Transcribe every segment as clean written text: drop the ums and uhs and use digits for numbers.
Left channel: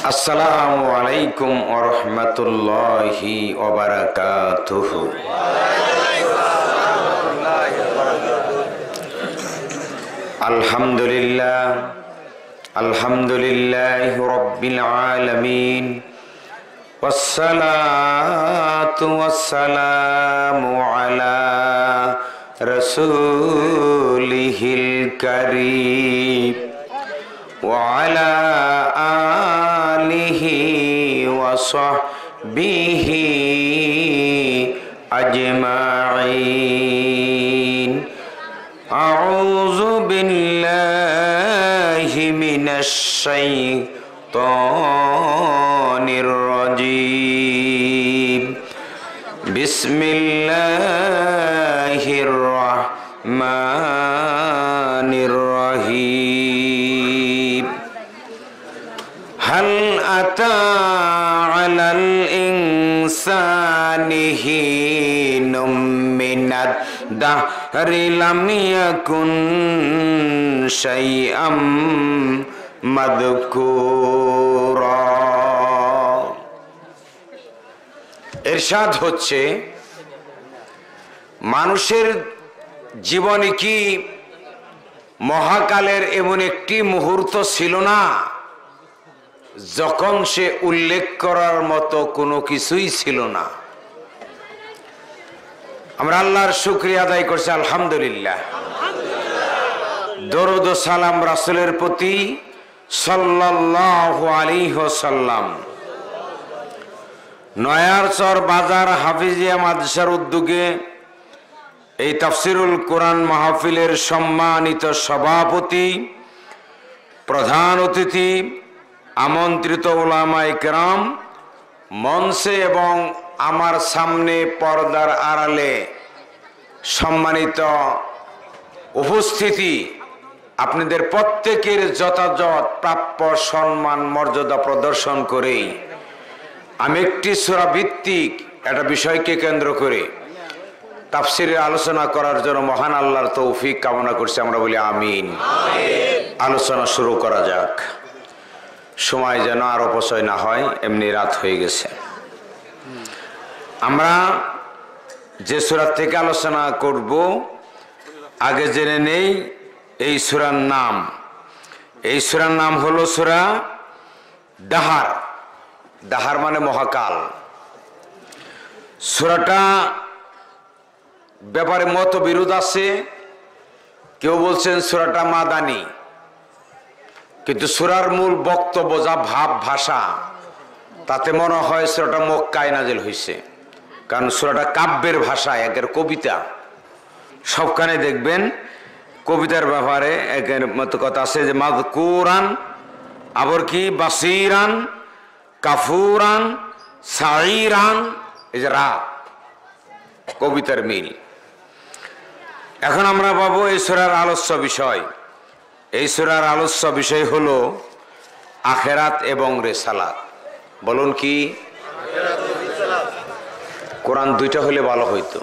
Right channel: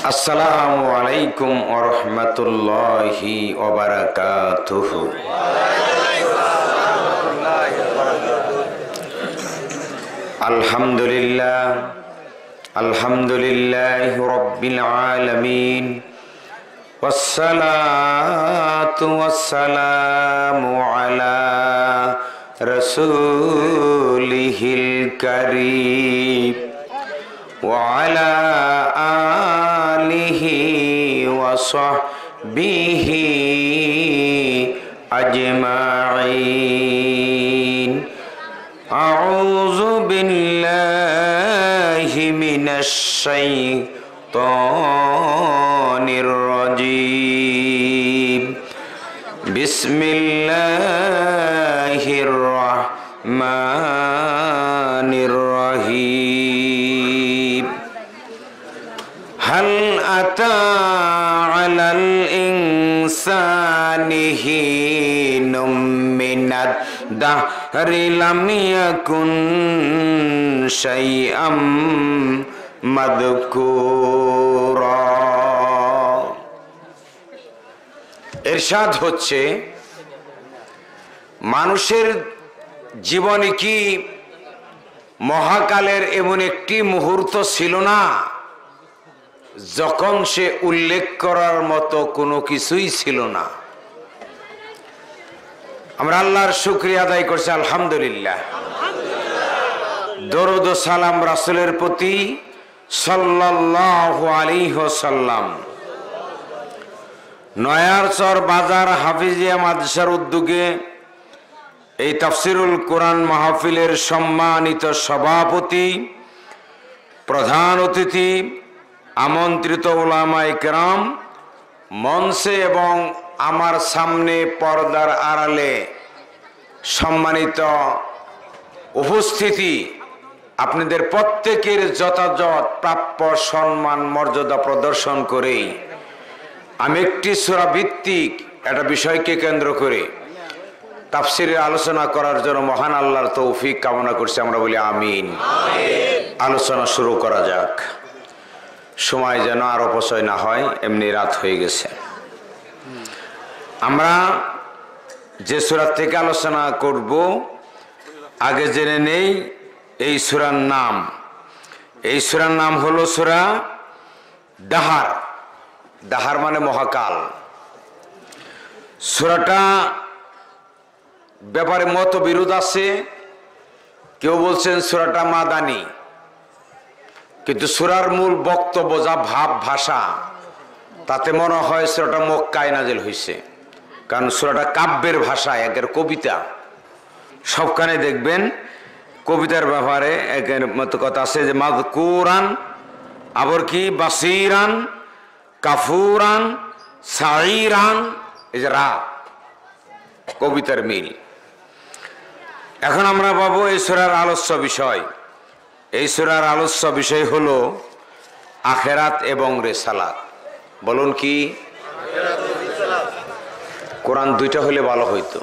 আসসালামু আলাইকুম ওয়া রাহমাতুল্লাহি ওয়া বারাকাতুহু। আলহামদুলিল্লাহ আলহামদুলিল্লাহি রাব্বিল আলামিন ওয়াসসালাতু ওয়াসসালামু আলা রাসূলিহিল কারীম ওয়া আলা আলিহি ওয়া সাহবিহি আজমাইন। আউযু বিল্লাহি মিনাশ শাইতানির রাজীম। বিসমিল্লাহির রাহমানির রহিম। হাল আতা আলাল ইনসানি হিনুম মিনাদ দাহরি লাম ইয়াকুন শাইআম মাযকুরা। ইরশাদ হচ্ছে, মানুষের জীবনে কি মহাকালের এমন একটি মুহূর্ত ছিল না যখন সে উল্লেখ করার মতো কোনো কিছুই ছিল না? আমরা আল্লাহর শুকরিয়া আদায় করছি, আলহামদুলিল্লাহ। দরুদ ও সালাম রাসূলের প্রতি সাল্লাল্লাহু আলাইহি ওয়াসাল্লাম। নয়ারচর বাজার হাফিজিয়া মাদ্রাসার উদ্যোগে এই তাফসিরুল কোরআন মাহফিলের সম্মানিত সভাপতি, প্রধান অতিথি, আমন্ত্রিত উলামায়ে কেরাম, মঞ্চে এবং আমার সামনে পর্দার আড়ালে সম্মানিত উপস্থিতি, আপনাদের প্রত্যেকের যথাযথ প্রাপ্য সম্মান মর্যাদা প্রদর্শন করেই আমি একটি সূরা ভিত্তিক একটা বিষয়কে কেন্দ্র করে তাফসিরের আলোচনা করার জন্য মহান আল্লাহর তৌফিক কামনা করছি। আমরা বলি আমিন। আলোচনা শুরু করা যাক। সময় যেন আর অপচয় না হয়, এমনি রাত হয়ে গেছে। আমরা যে সূরা থেকে আলোচনা করব আগে জেনে নেই এই সূরার নাম। এই সূরার নাম হলো সূরা দাহার। দাহার মানে মহাকাল। সূরাটা ব্যাপারে মতবিরোধ আছে। কেউ বলছেন সূরাটা মাদানী, কিন্তু সূরার মূল বক্তব্য যা ভাব ভাষা, তাতে মনে হয় সূরাটা মক্কায় নাজিল হয়েছে। কারণ সূরাটা কাব্যের ভাষা, একের কবিতা। সবখানে দেখবেন কবিতার ব্যাপারে একের মতো কথা আছে, যে মাযকুরান, আবার কি বাসিরান, কাফুরান, সাইরান, এই যে রা, কবিতার মিল। এখন আমরা পাবো এই সূরার আলোচ্য বিষয়। এই সূরার আলোচ্য বিষয় হলো আখিরাত এবং রিসালাত। বলুন কি? কোরআন দুইটা হলে ভালো হইতো।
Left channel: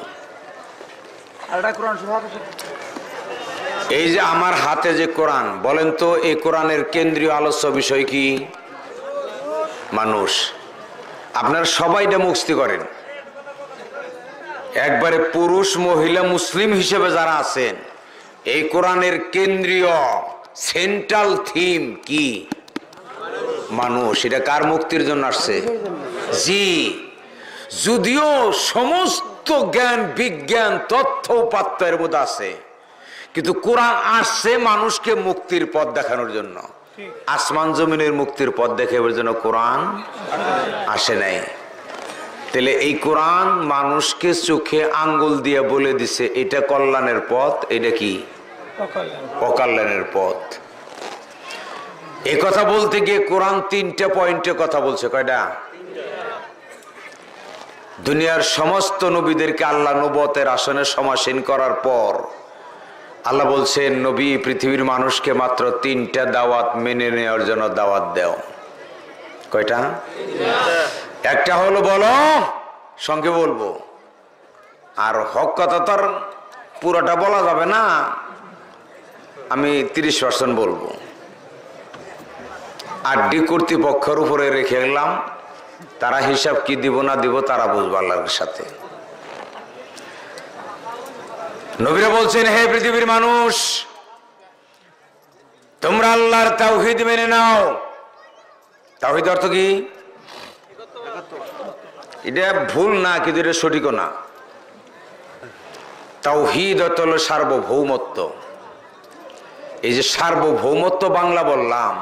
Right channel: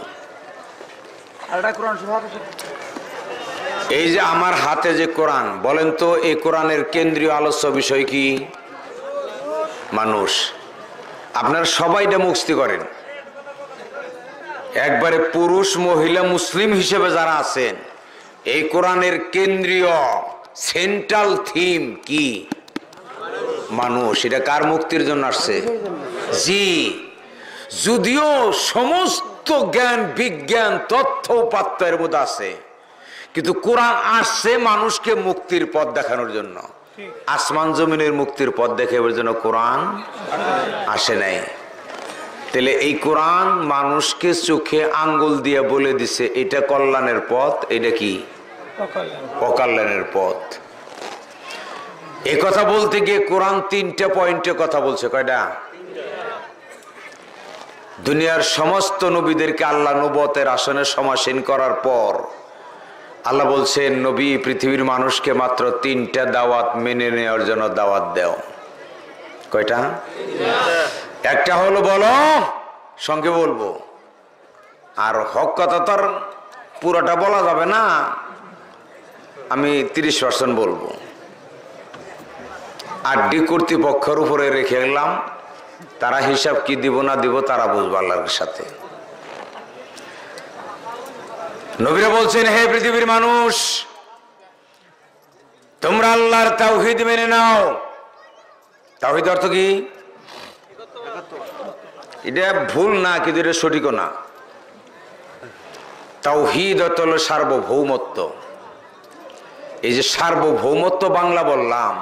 এই যে আমার হাতে যে কোরআন, বলেন তো এই কোরআনের কেন্দ্রীয় আলোচ্য বিষয় কি? মানুষ। আপনারা সবাই এটা মুখস্থ করেন। একবারে পুরুষ মহিলা মুসলিম হিসেবে যারা আছেন, এই কোরআনের কেন্দ্রীয় সেন্ট্রাল থিম কি? মানুষ। এটা কার মুক্তির জন্য আসছে? জি। যদিও সমস্ত জ্ঞান বিজ্ঞান তথ্য উপাত্ত এর মধ্যে আছে, কিন্তু কোরআন আসছে মানুষকে মুক্তির পথ দেখানোর জন্য। আসমান জমিনের মুক্তির পথ দেখানোর জন্য কোরআন আসে নাই। তাহলে এই কোরআন মানুষকে চোখে আঙ্গুল দিয়ে বলে দিছে এটা কল্যাণের পথ, এটা কি অকল্যাণের পথ। এই কথা বলতে গিয়ে কোরআন তিনটা পয়েন্টে কথা বলছে। কয়টা? দুনিয়ার সমস্ত নবীদেরকে আল্লাহ নবুয়তের আসনে সমাসীন করার পর আল্লাহ বলছেন, নবী পৃথিবীর মানুষকে মাত্র তিনটা দাওয়াত মেনে নেওয়ার জন্য দাওয়াত দাও। কয়টা? একটা হলো বলো, সঙ্গে বলবো। আর হক কথা তো আর পুরোটা বলা যাবে না, আমি 30% বলবো। আড্ডি কর্তৃপক্ষের উপরে রেখে গেলাম, তারা হিসাব কি দিব না দিব তারা বুঝবো আল্লাহর সাথে। নবীরা বলছেন, হে পৃথিবীর মানুষ, তোমরা আল্লাহর তাওহীদ মেনে নাও। তাওহীদ অর্থ কি? এটা ভুল না, কিন্তু এটা সঠিকও না। তাওহীদ অর্থ হলো সার্বভৌমত্ব। এই যে সার্বভৌমত্ব বাংলা বললাম,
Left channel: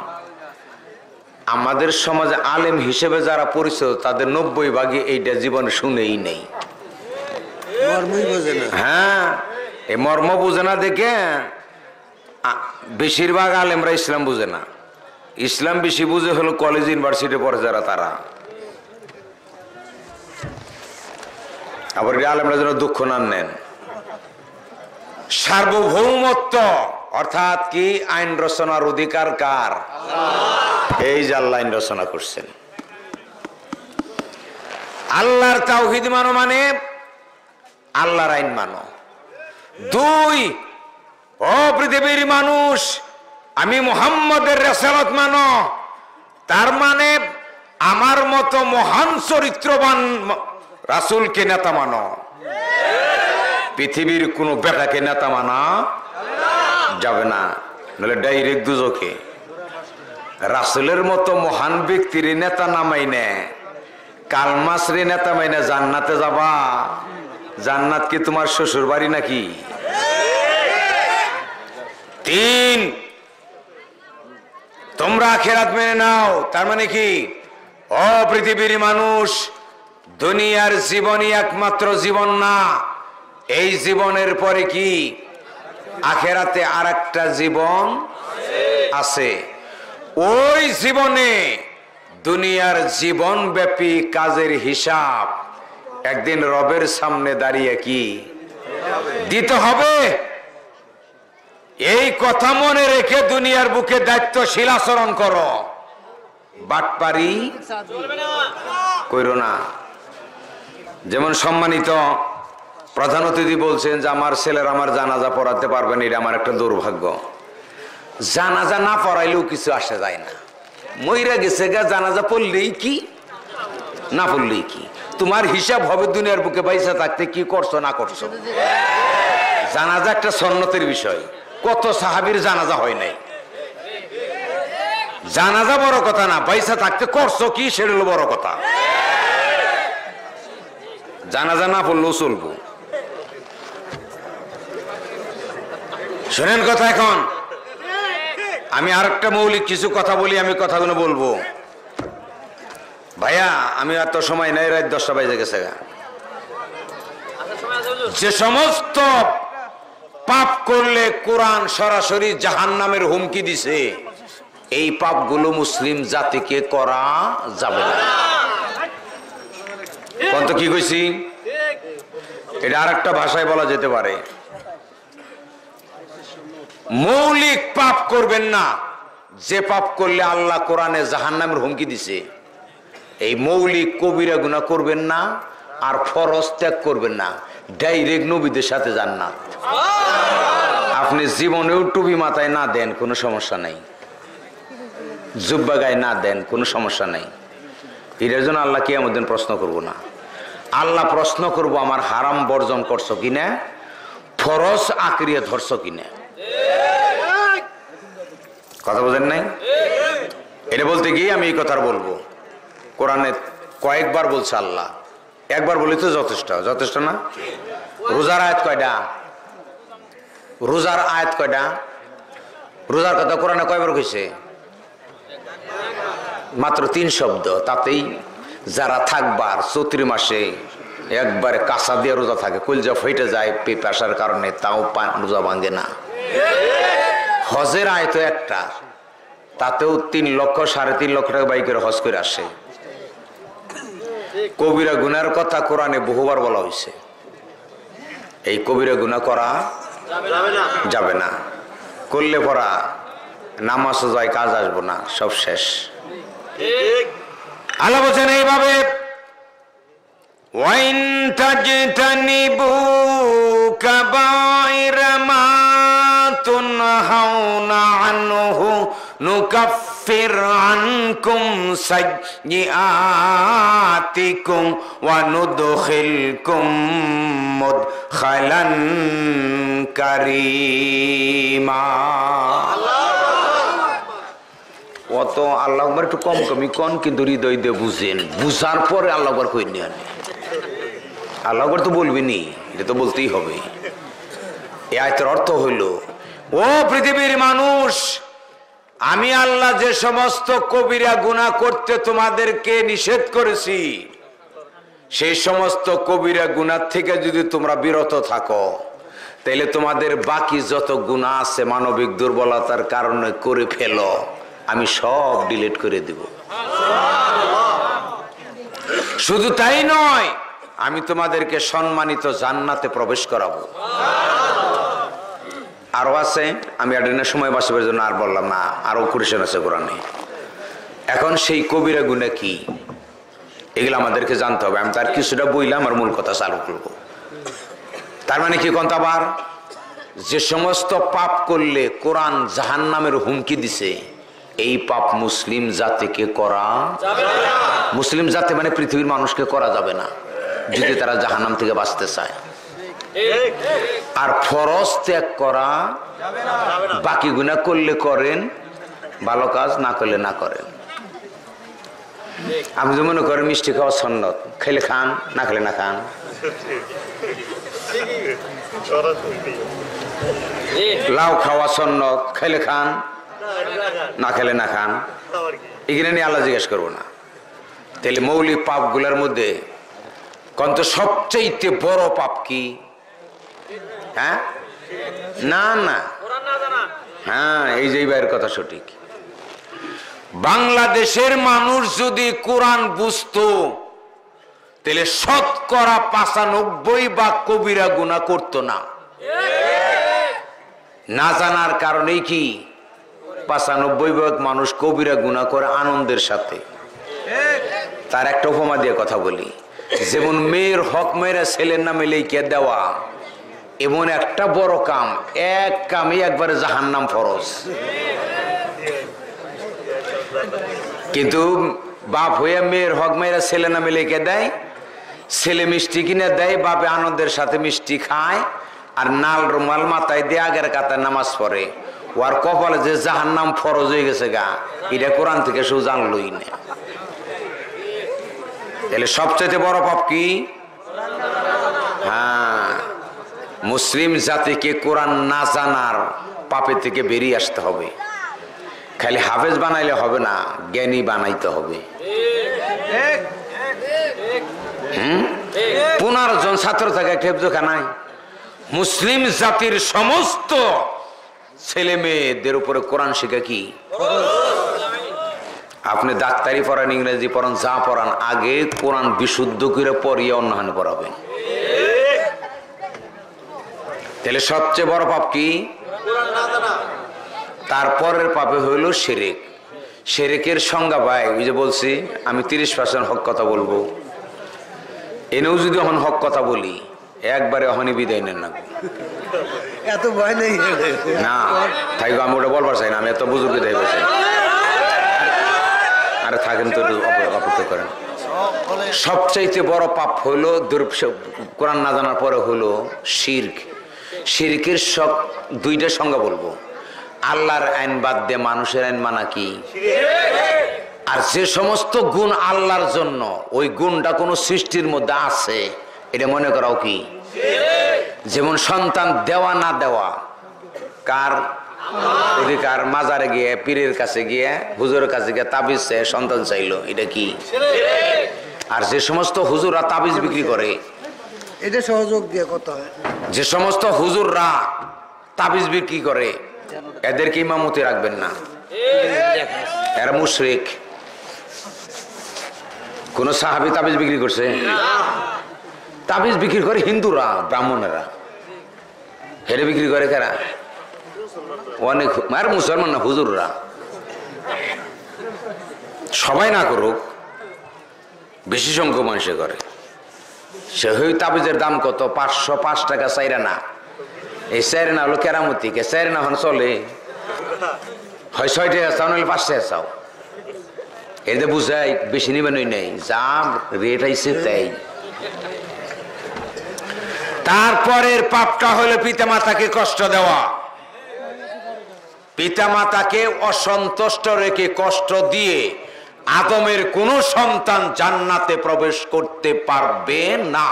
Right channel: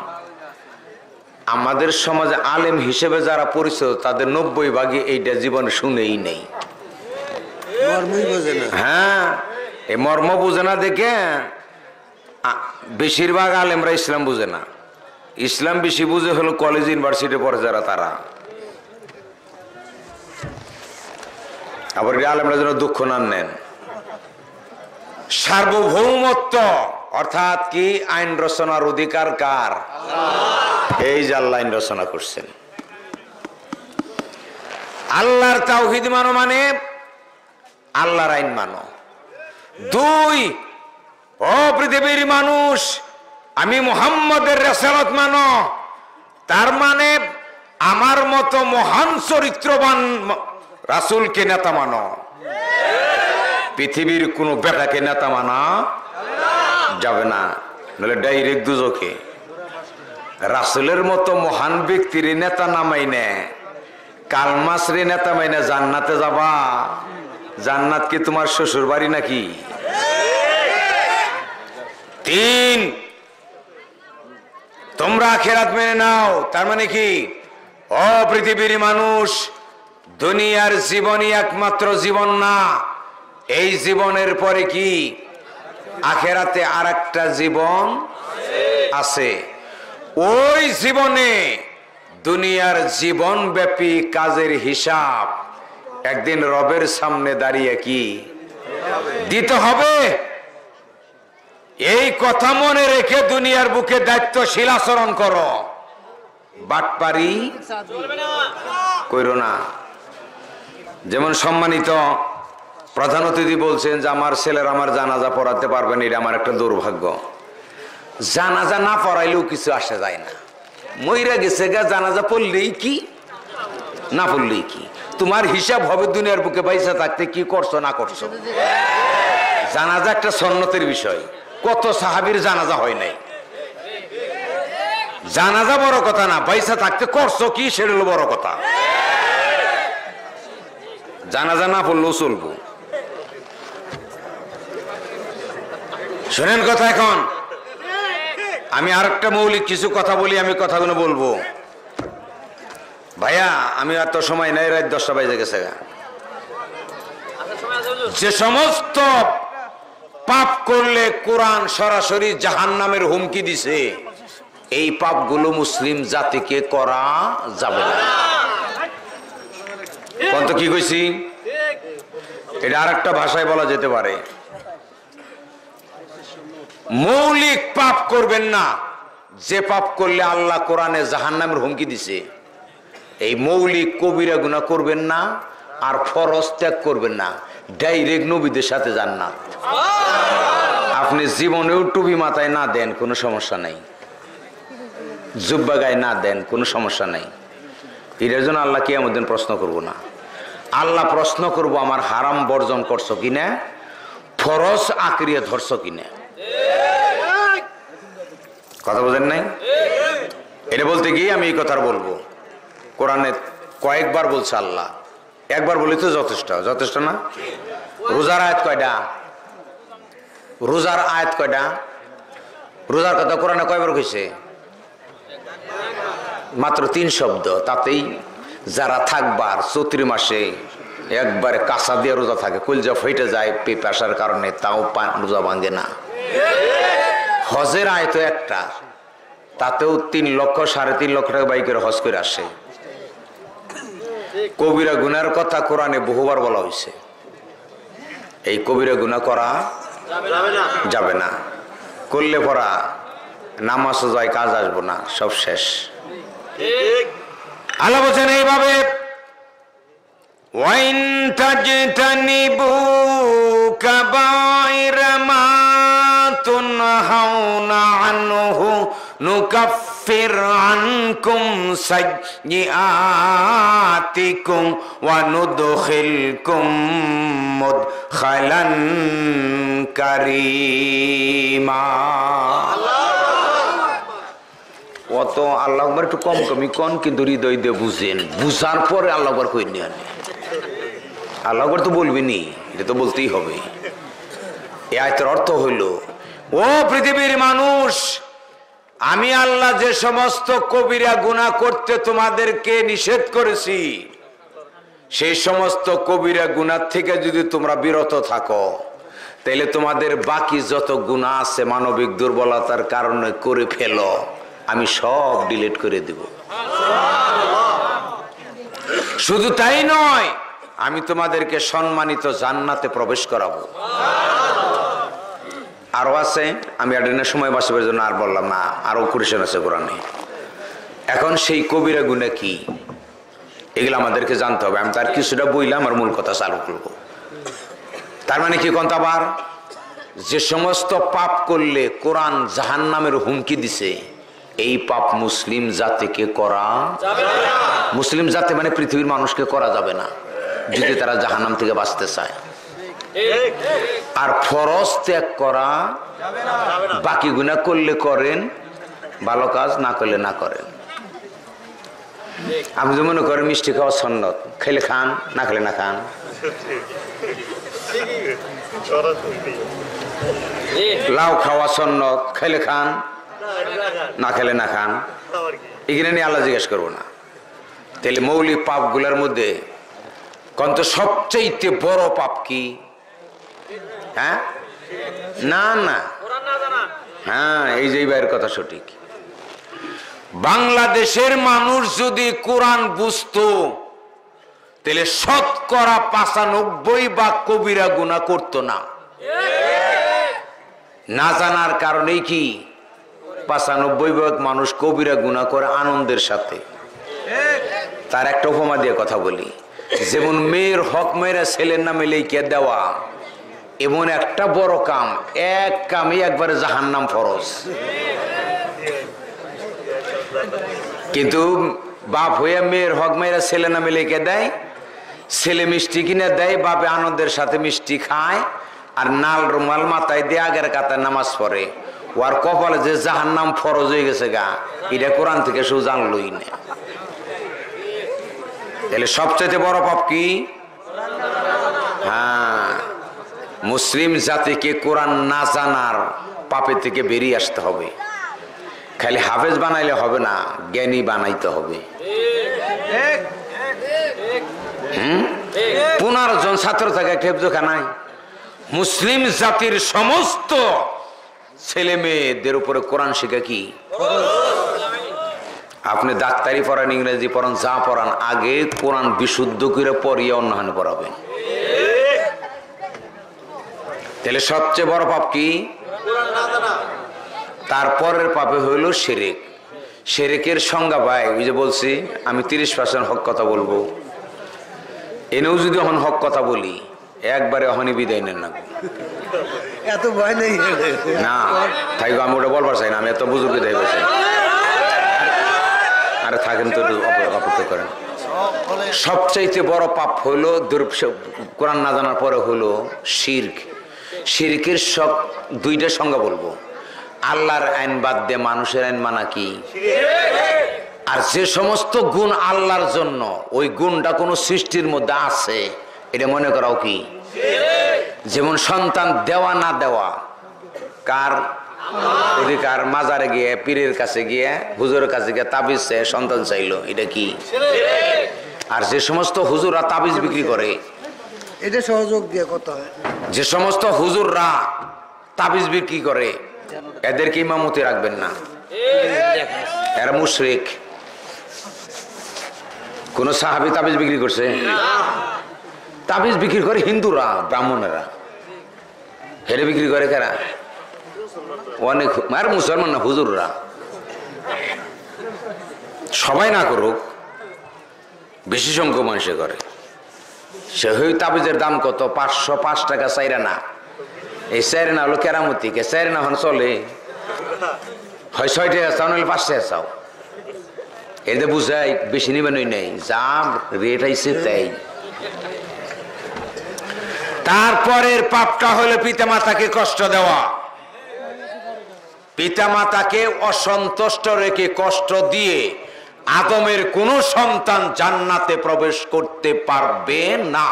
আমাদের সমাজে আলেম হিসেবে যারা পরিচিত তাদের 90% এইটা জীবনে শুনেই নেই। হ্যাঁ, এই মর্ম বুঝে না দেখে বেশিরভাগ আলেমরা ইসলাম বুঝে না। ইসলাম বেশি বুঝে হলো কলেজ ইউনিভার্সিটি পড়ে যারা, তারা। আবার আলেমরা যেন দুঃখ না নেন। সার্বভৌমত্ব অর্থাৎ কি? আইন রচনার অধিকার কার? এই যে আল্লাহ আইন রচনা করছেন। আল্লাহর তাওহীদ মানো মানে আল্লাহর আইন মানো। 2, ও পৃথিবীর মানুষ, আমি মুহাম্মদের রিসালাত মানো। তার মানে আমার মতো মহান চরিত্রবান রাসূলকে নেতা মানো। পৃথিবীর কোন বেটাকে নেতা মানা যাবে না, নাহলে ডাইরেক্ট দুজকে। রাসূলের মতো মহান ব্যক্তির নেতা নামাই নে, কালমাসরে নেতা মাইনে জান্নাতে যাবা। জান্নাত কি তোমার শ্বশুর বাড়ি নাকি? 3, তোমরা আখিরাত মেনে নাও। তার মানে কি? ও পৃথিবীর মানুষ, দুনিয়ার জীবনই একমাত্র জীবন না। এই জীবনের পরে কি আখিরাতে আরেকটা জীবন আছে। ওই জীবনে দুনিয়ার জীবন ব্যাপী কাজের হিসাব একদিন রবের সামনে দাঁড়িয়ে কি দিতে হবে। এই কথা মনে রেখে দুনিয়ার বুকে দায়িত্বশীল আচরণ করো, বাটপারি কইরো না। যেমন সম্মানিত প্রধান অতিথি বলছেন যে আমার ছেলের আমার জানাজা পড়াতে পারবেন, এটা আমার একটা দুর্ভাগ্য। জানাজা না পড়াইলেও কিছু আসে যায় না। মইরা গেছে গা, জানাজা পড়লেই কি না পড়লেই কি, তোমার হিসাব হবে দুনিয়ার বুকে বাইসা থাকতে কি করছো না করছো। জানাজা একটা সন্ন্যতের বিষয়। কত সাহাবীর জানাজা হয় নাই। জানাজা বড় কথা না, বাইসা থাকতে করছো কি সেটা হলো বড় কথা। জানাজা না পড়লেও চলবো। শোনেন কথা, এখন আমি আরেকটা মৌলিক কিছু কথা বলি, আমি কথাগুলো বলবো। ভাইয়া আমি এত সময় নাই, রাত 10টা বাজে গেছে। যে সমস্ত পাপ করলে কোরআন সরাসরি জাহান্নামের হুমকি দিছে, এই পাপগুলো মুসলিম জাতিকে করা যাবে না। কত কি কইছি? এটা আরেকটা ভাষায় বলা যেতে পারে, মৌলিক পাপ করবেন না। যে পাপ করলে আল্লাহ কোরআনে জাহান্নামের হুমকি দিছে, এই মৌলিক কবিরা গুনাহ করবেন না, আর ফরজ ত্যাগ করবেন না। ডাইরেক্ট নবীদের সাথে জান্নাত। আপনি জীবনেও টুপি মাথায় না দেন কোনো সমস্যা নাই, জুব্বা গায়ে না দেন কোনো সমস্যা নাই। এটার জন্য আল্লাহ কিয়ামত দিন প্রশ্ন করব না। আল্লাহ প্রশ্ন করব আমার হারাম বর্জন করছো কিনা, ফরজ আঁকড়িয়ে ধরছো কিনা। কথা বোঝেন নাই? এটা বলতে গিয়ে আমি এই কথা বলবো। কোরআনে কয়েকবার বলছে আল্লাহ, একবার বলি তো যথেষ্ট, যথেষ্ট না? রোজার আয়াত কয়টা? রোজার আয়াত কয়টা? রোজার কথা কোরআনে কয়বার কইছে? মাত্র 3 শব্দ। তাতেই যারা থাকবার চৈত্র মাসে একবারে কাঁচা দিয়ে রোজা থাকে, কলজা ফেটে যায় পেপাসার কারণে, তাও রোজা ভাঙে না। হজের আয়তো একটা, তাতেও 3 লক্ষ 3.5 লক্ষ টাকা বাইকের হজ করে আসে। কবিরা গুনার কথা কোরআনে বহুবার বলা হয়েছে। এই কবিরা গুনাহ করা যাবে না। করলে পরা নামাজও যায়, কাজ আসবো না, সব শেষ। আল্লাহ বলেন এইভাবে, ওয়াইন তাজতানিবু কাবাইরা মা তুনহাউনা আনহু নুকাফ নুকাফির আনকুম সাইয়্যাতিকুম ওয়া নুদখিলকুম মুদখালান কারীমা। অত আল্লাহ আকবার একটু কম কমই কন, কিন্তু হৃদয় দিয়ে বুঝেন, বুঝার পরে আল্লাহ আকবার কই নিয়ে আনে। আল্লাহ আকবার তো বলবেনি, এটা তো বলতেই হবে। এই আয়াতের অর্থ হইল, ও পৃথিবীর মানুষ, আমি আল্লাহ যে সমস্ত কবিরা গুনাহ করতে তোমাদেরকে নিষেধ করেছি, সেই সমস্ত কবিরা গুনাহ থেকে যদি তোমরা বিরত থাকো, তাহলে তোমাদের বাকি যত গুনাহ আছে মানবিক দুর্বলতার কারণে করে ফেলো, আমি সব ডিলিট করে দিব। শুধু তাই নয়, আমি তোমাদেরকে সম্মানিত জান্নাতে প্রবেশ করাবো। আরো আছে, আমি আডিনের সময় বাঁচবার জন্য আর বললাম না, আরো কুরআন আছে কোরআনে। এখন সেই কবিরা গুনাহ কি, এগুলো আমাদেরকে জানতে হবে। আমি তার কিছুটা বইলাম, আর মূল কথা চালু করবো। তার মানে কি কোনটা আবার, যে সমস্ত পাপ করলে কোরআন জাহান্নামের হুমকি দিছে, এই পাপ মুসলিম জাতিকে করা যাবে না। মুসলিম জাতি মানে পৃথিবীর মানুষকে করা যাবে না, যদি তারা জাহান্নাম থেকে বাঁচতে চায়। আর ফরজ ত্যাগ করা যাবে না, বাকি গুনাহ করলে করেন, ভালো কাজ না করলে না করেন। আপনি যে মনে করেন মিষ্টি খাওয়া সুন্নাত, খেলে খান, না খেলে না খান। লাউ খাওয়া সুন্নাত, খেলে খান, না খেলে না খান। এখানে নিয়ে আল্লাহ জিজ্ঞেস করবো না। তাহলে মৌলিক পাপ গুলার মধ্যে কত সবচেয়ে বড় পাপ কি? হ্যাঁ না না, হ্যাঁ এই যে ভাইয়ের কথা সঠিক। বাংলাদেশের মানুষ যদি কোরআন বুঝতো, তাহলে 95% কবিরা গুনাহ করতো না। না জানার কারণেই কি 95% মানুষ কবিরা গুনাহ করে আনন্দের সাথে। তার একটা উপমা দিয়ে কথা বলি, যেমন মেয়ের হক মেয়েরা ছেলের নামে লিখে দেওয়া, এমন একটা বড় কাম, এক কামে একবারে জাহান্নাম ফরজ। কিন্তু বাপ হইয়া মেয়ের হক মেয়েরা ছেলে নামে লিখে দেয়, ছেলে মিষ্টি কিনে দেয়, বাপে আনন্দের সাথে মিষ্টি খায়, আর নাল রুমাল মাথায় দিয়ে আগের কাতায় নামাজ পড়ে। ওর কপালে যে জাহান্নাম ফরজ হয়ে গেছে গা, এটা কোরআন থেকে শুধু জানলই না। তাহলে সবচেয়ে বড় পাপ কি? হ্যাঁ, মুসলিম জাতিকে কোরআন না জানার পাপে থেকে বেরিয়ে আসতে হবে। খালি হাফেজ বানাইলে হবে না, জ্ঞানী বানাইতে হবে। 15 জন ছাত্র থাকে একটা হেফজখানায়। মুসলিম জাতির সমস্ত ছেলে মেয়েদের উপরে কোরআন শেখা কি? আপনি ডাক্তারি পড়ান, ইংরেজি পড়ান, যা পড়ান, আগে কোরআন বিশুদ্ধ করে পড়িয়ে অন্যহানে পড়াবেন। তাহলে সবচেয়ে বড় পাপ কি? তারপরের পাপে হইল শিরক। শিরকের সংজ্ঞা ভাই, ওই যে বলছি আমি 30% হক কথা বলবো, এনেও যদি এখন হক কথা বলি, একবারে অহনি বিদায় নেন না। এত ভয় নেই না তাই আমি ওটা বলবার চাই না, আমি এত বুজুর্গ দেয় বলছি। আরে থাকেন তো, অপেক্ষা করেন। সবচাইতে বড় পাপ হইল কোরআন না জানার পরে হইল শিরক। শিরকের সব দুইটা সংজ্ঞা বলবো। আল্লাহর আইন বাদ দিয়ে মানুষের আইন মানা কি? আর যে সমস্ত গুণ আল্লাহর জন্য, ওই গুণটা কোন সৃষ্টির মধ্যে আছে, এটা মনে করাও কি? যেমন সন্তান দেওয়া না দেওয়া কার অধিকার? মাজারে গিয়ে, পীরের কাছে গিয়ে, হুজুরের কাছে গিয়ে তাবিজ চেয়ে সন্তান চাইলো, এটা কি? আর যে সমস্ত হুজুররা তাবিজ বিক্রি করে, এটা সহযোগ দিয়ে কথা হয়। যে সমস্ত হুজুররা তাবিজ বিক্রি করে, এদেরকে ইমামতি রাখবেন না, এরা মুশরিক। কোন সাহাবী তাবিজ বিক্রি করছে? তাবিজ বিক্রি করে হিন্দুরা, ব্রাহ্মণেরা। হেরে বিক্রি করে কারা? অনেক, আর মুসলমান না, হুজুররা। সবাই না করুক, বেশি সংখ্যক মানুষে করে। সে হই তাবিজের দাম কত? 505 টাকা চাইরা না। এই চাইরা না হলো কেরামতি, কে চাইরা না হন চলে। হয় 6 টাকা চাও নাহলে 5 টাকা চাও। এতে বুঝাই বেশি নিবেন নেই, যা রেট আইছে তাই। তারপরের পাপটা হলো পিতামাতাকে কষ্ট দেওয়া। পিতামাতাকে অসন্তুষ্ট রেখে কষ্ট দিয়ে আদমের কোন সন্তান জান্নাতে প্রবেশ করতে পারবে না।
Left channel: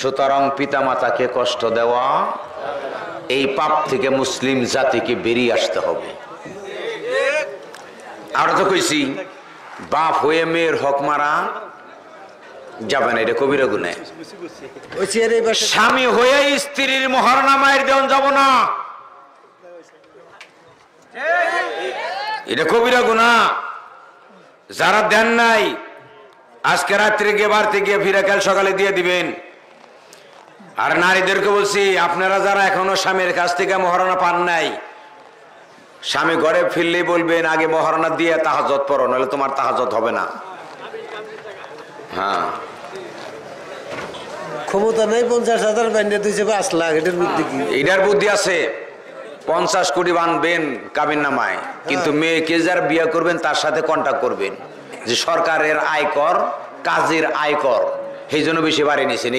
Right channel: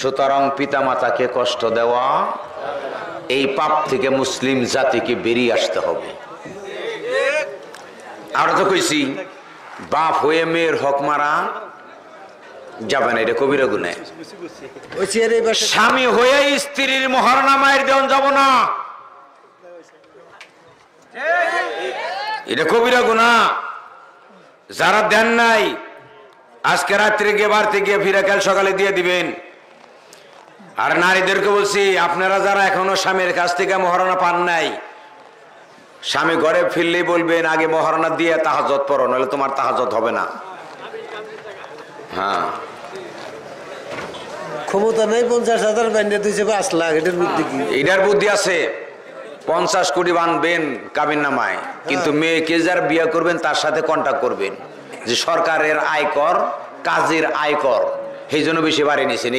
সুতরাং পিতামাতাকে কষ্ট দেওয়া, এই পাপ থেকে মুসলিম জাতিকে বেরিয়ে আসতে হবে। আমরা তো কইছি বাপ হয়ে মেয়ের হক মারা যাবে না, এটা কবিরা গুনাহ। স্বামী হয়ে স্ত্রীর মহারণা মায়ের দেওয়া যাব না, এটা কবিরা গুনাহ। যারা দেন নাই আজকে রাত্রে গিয়ে বাড়তে গিয়ে ফিরে কাল সকালে দিয়ে দিবেন। আর নারীদেরকে বলছি, আপনারা যারা এখনো স্বামীর কাছ থেকে মহারণা পান নাই, স্বামী ঘরে ফিরলেই বলবেন আগে মহারণা দিয়ে তাহাজ্জুদ পড়ো, নাহলে তোমার তাহাজ্জুদ হবে না। হ্যাঁ, ক্ষমতা নাই 50,000 বান্ধে দিয়েছে 5 লাখ, এটার বুদ্ধি কি? এটার বুদ্ধি আছে। 50 কোটি বানবেন কাবিন নামায়, কিন্তু মেয়েকে যারা বিয়ে করবেন তার সাথে কন্ট্যাক্ট করবেন যে সরকারের আয়কর, কাজের আয়কর, সেই জন্য বেশি বাড়ি নিয়েছেন।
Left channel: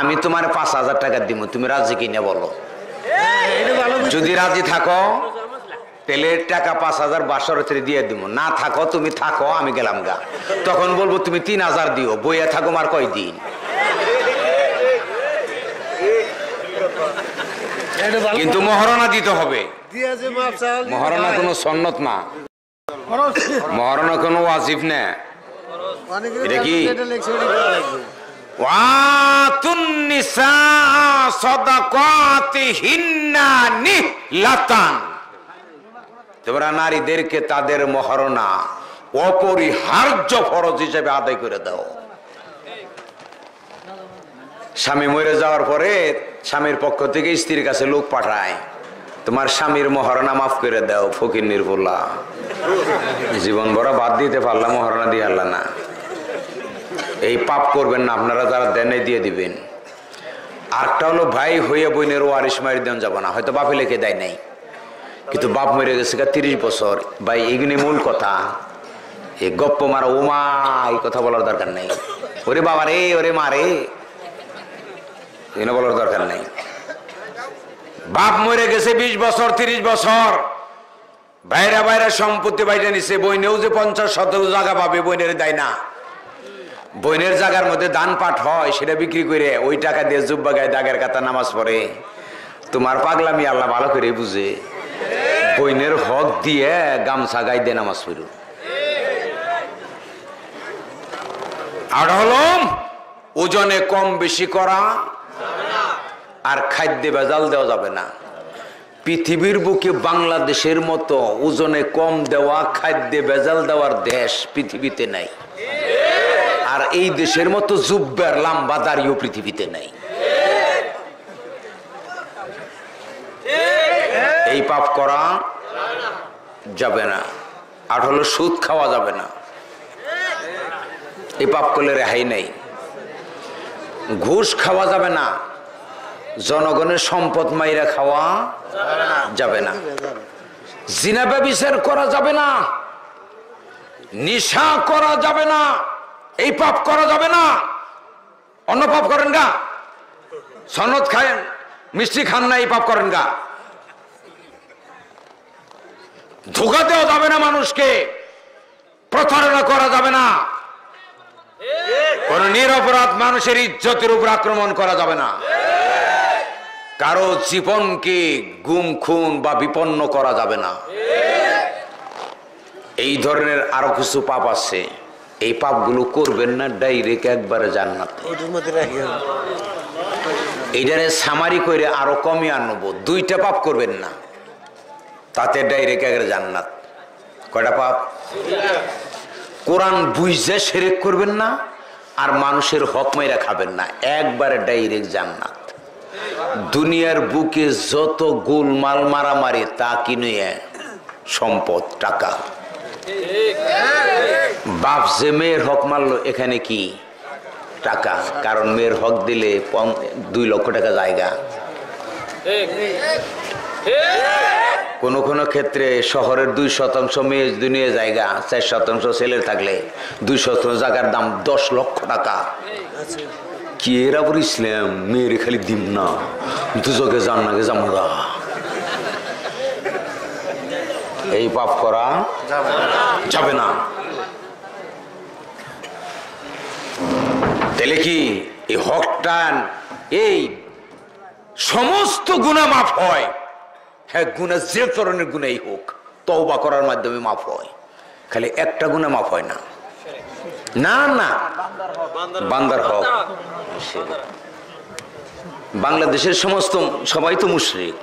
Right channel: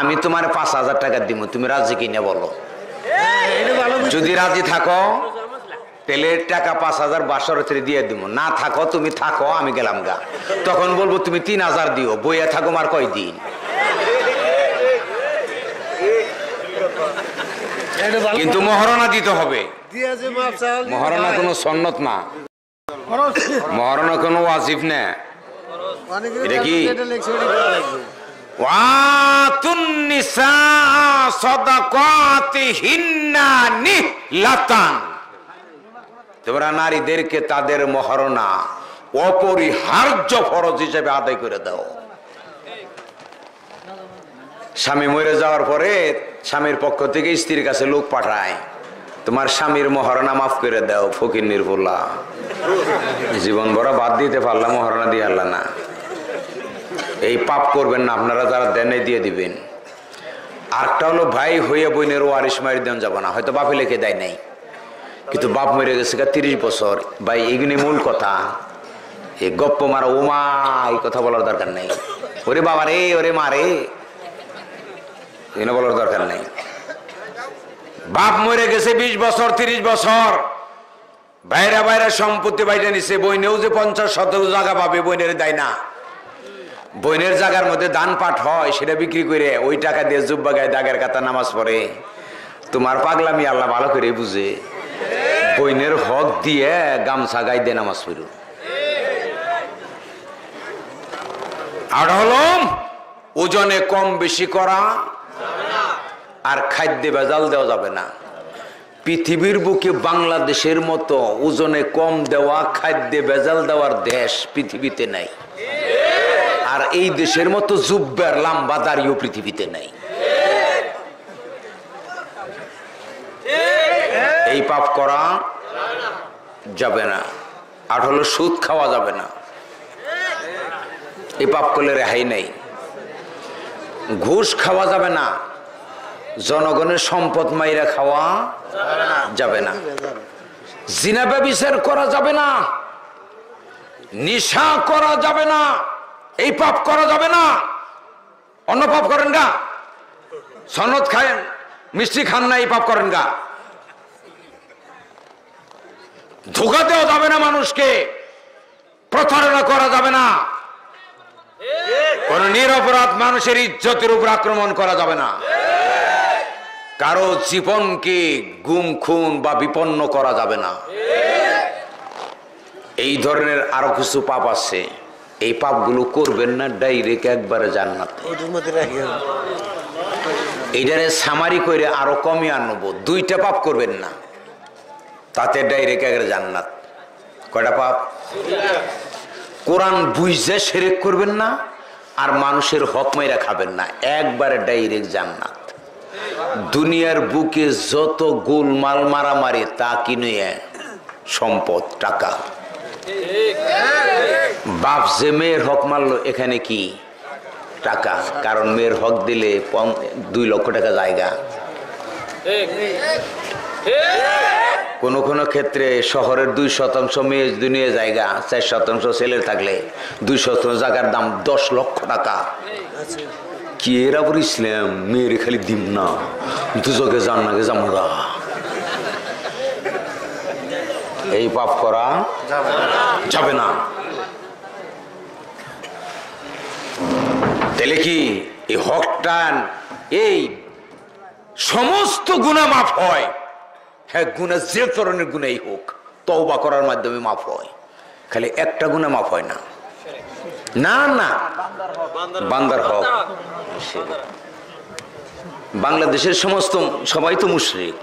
আমি তোমার 5,000 টাকা দিব, তুমি রাজি কিনে বলো। যদি রাজি থাকো তাহলে টাকা 5,000 বাসরতে দিয়ে দিব, না থাকো তুমি থাকো আমি গেলাম গা। তখন বলবো তুমি 3,000 দিও, বইয়া থাকো আর কয়দিন। কিন্তু মহারণা দিতে হবে। মহারণা কোনো সন্নত না, মহারণা কোনো ওয়াজিব না। এটা কি ওয়াতুন নিসা সাদাকাতিহিন্না নিহলাতান, তোমরা নারীদেরকে তাদের মহারণা অপরিহার্য ফরজ হিসেবে আদায় করে দাও। স্বামী মরে যাওয়ার পরে স্বামীর পক্ষ থেকে স্ত্রীর কাছে লোক পাঠায়, তোমার স্বামীর মহারণা মাফ করে দাও। ফকির নির্ভুলা জীবন ভরা বাদ দিতে পারলাম, মহারণা দিয়ে আল্লাহ না। এই পাপ করবেন না আপনারা, যারা দেনে দিয়ে দিবেন। আরেকটা হলো ভাই হইয়া বোনের ওয়ারিশ মারি দেন যাব না, হয়তো বাপে লিখে দেয় নাই, কিন্তু বাপ মরে গেছে 30 বছর। ভাই এইগুলি মূল কথা, এই গপ্প মারা ওমা এই কথা বলার দরকার নেই। ওরে বাবা রে, ওরে মা রে, বলার দরকার নেই। বাপ মরে গেছে 20 বছর 30 বছর, বাইরা বাইরা সম্পত্তি বাইরে নিছে, বইনেও যে 50 শতক জায়গা পাবে বইনের দেয় না। বইনের জায়গার মধ্যে দান পাঠ হয়, সেটা বিক্রি করে ওই টাকা দিয়ে জুব্বা গায়ে দাগের কাতা নামাজ পড়ে। তোমার পাগলামি আল্লাহ ভালো করে বুঝে, বইনের হক দিয়ে গামছা গায়ে দিয়ে নামাজ পড়ো। আর হলো ওজনে কম বেশি করা, আর খাদ্যে ভেজাল দেওয়া যাবে না। পৃথিবীর বুকে বাংলাদেশের মতো ওজনে কম দেওয়া, খাদ্যে ভেজাল দেওয়ার দেশ পৃথিবীতে নাই। আর এই দেশের মতো জুব্বার লম্বা দাড়িও পৃথিবীতে নাই। এই পাপ করা যাবে না। আর হলো সুদ খাওয়া যাবে না, এই পাপ করলে রেহাই নেই। ঘুষ খাওয়া যাবে না, জনগণের সম্পদ মাইরা খাওয়া যাবে না। জিনা ব্যভিচার করা যাবে না, নিশা করা যাবে না, এই পাপ করা যাবে না। অন্য পাপ করেন গা, সনদ খায়েন, মিষ্টি খান না, এই পাপ করেন গা। ধোঁকা দেওয়া যাবে না মানুষকে, প্রতারণা করা যাবে না, কোন নিরপরাধ মানুষের ইজ্জতের উপর আক্রমণ করা যাবে না, কারো জীবনকে গুম খুন বা বিপন্ন করা যাবে না। এই ধরনের আরো কিছু পাপ আছে, এই পাপগুলো করবেন না, ডাইরেক্ট একবারে জান্নাত। এইটারে সামারি করে আরো কমিয়ে আনবো, 2টা পাপ করবেন না, তাতে ডাইরেক্ট একবারে জান্নাত। কয়টা পাপ? কোরআন বুঝে শিরক করবেন না, আর মানুষের হক মাইরা খাবেন না, একবারে ডাইরেক্ট জান্নাত। দুনিয়ার বুকে যত গোলমাল মারামারি তা কিনে সম্পদ, টাকা। বাপ যে মেয়ের হক মারলো, এখানে কি টাকা, কারণ মেয়ের হক দিলে 2 লক্ষ টাকা জায়গা। কোন কোন ক্ষেত্রে শহরের 2% মেয়ে দুনিয়া জায়গা, 4% ছেলের থাকলে 2% জায়গার দাম 10 লক্ষ টাকা। কি এরা বলে ইসলাম, মেয়ের খালি দিম না, দুজকে যান নাকি জামুগা। এই পাপ করা যাবে না। তাহলে কি এই হকটান এই সমস্ত গুনাহ মাফ হয়? হ্যাঁ, গুনাহ যে ধরনের গুনাহই হোক তওবা করার মাধ্যমে মাফ হয়। খালি একটা গুনাহ মাফ হয় না। না না, বান্দার হক। বাংলাদেশের সমস্ত সবাই তো মুশরিক,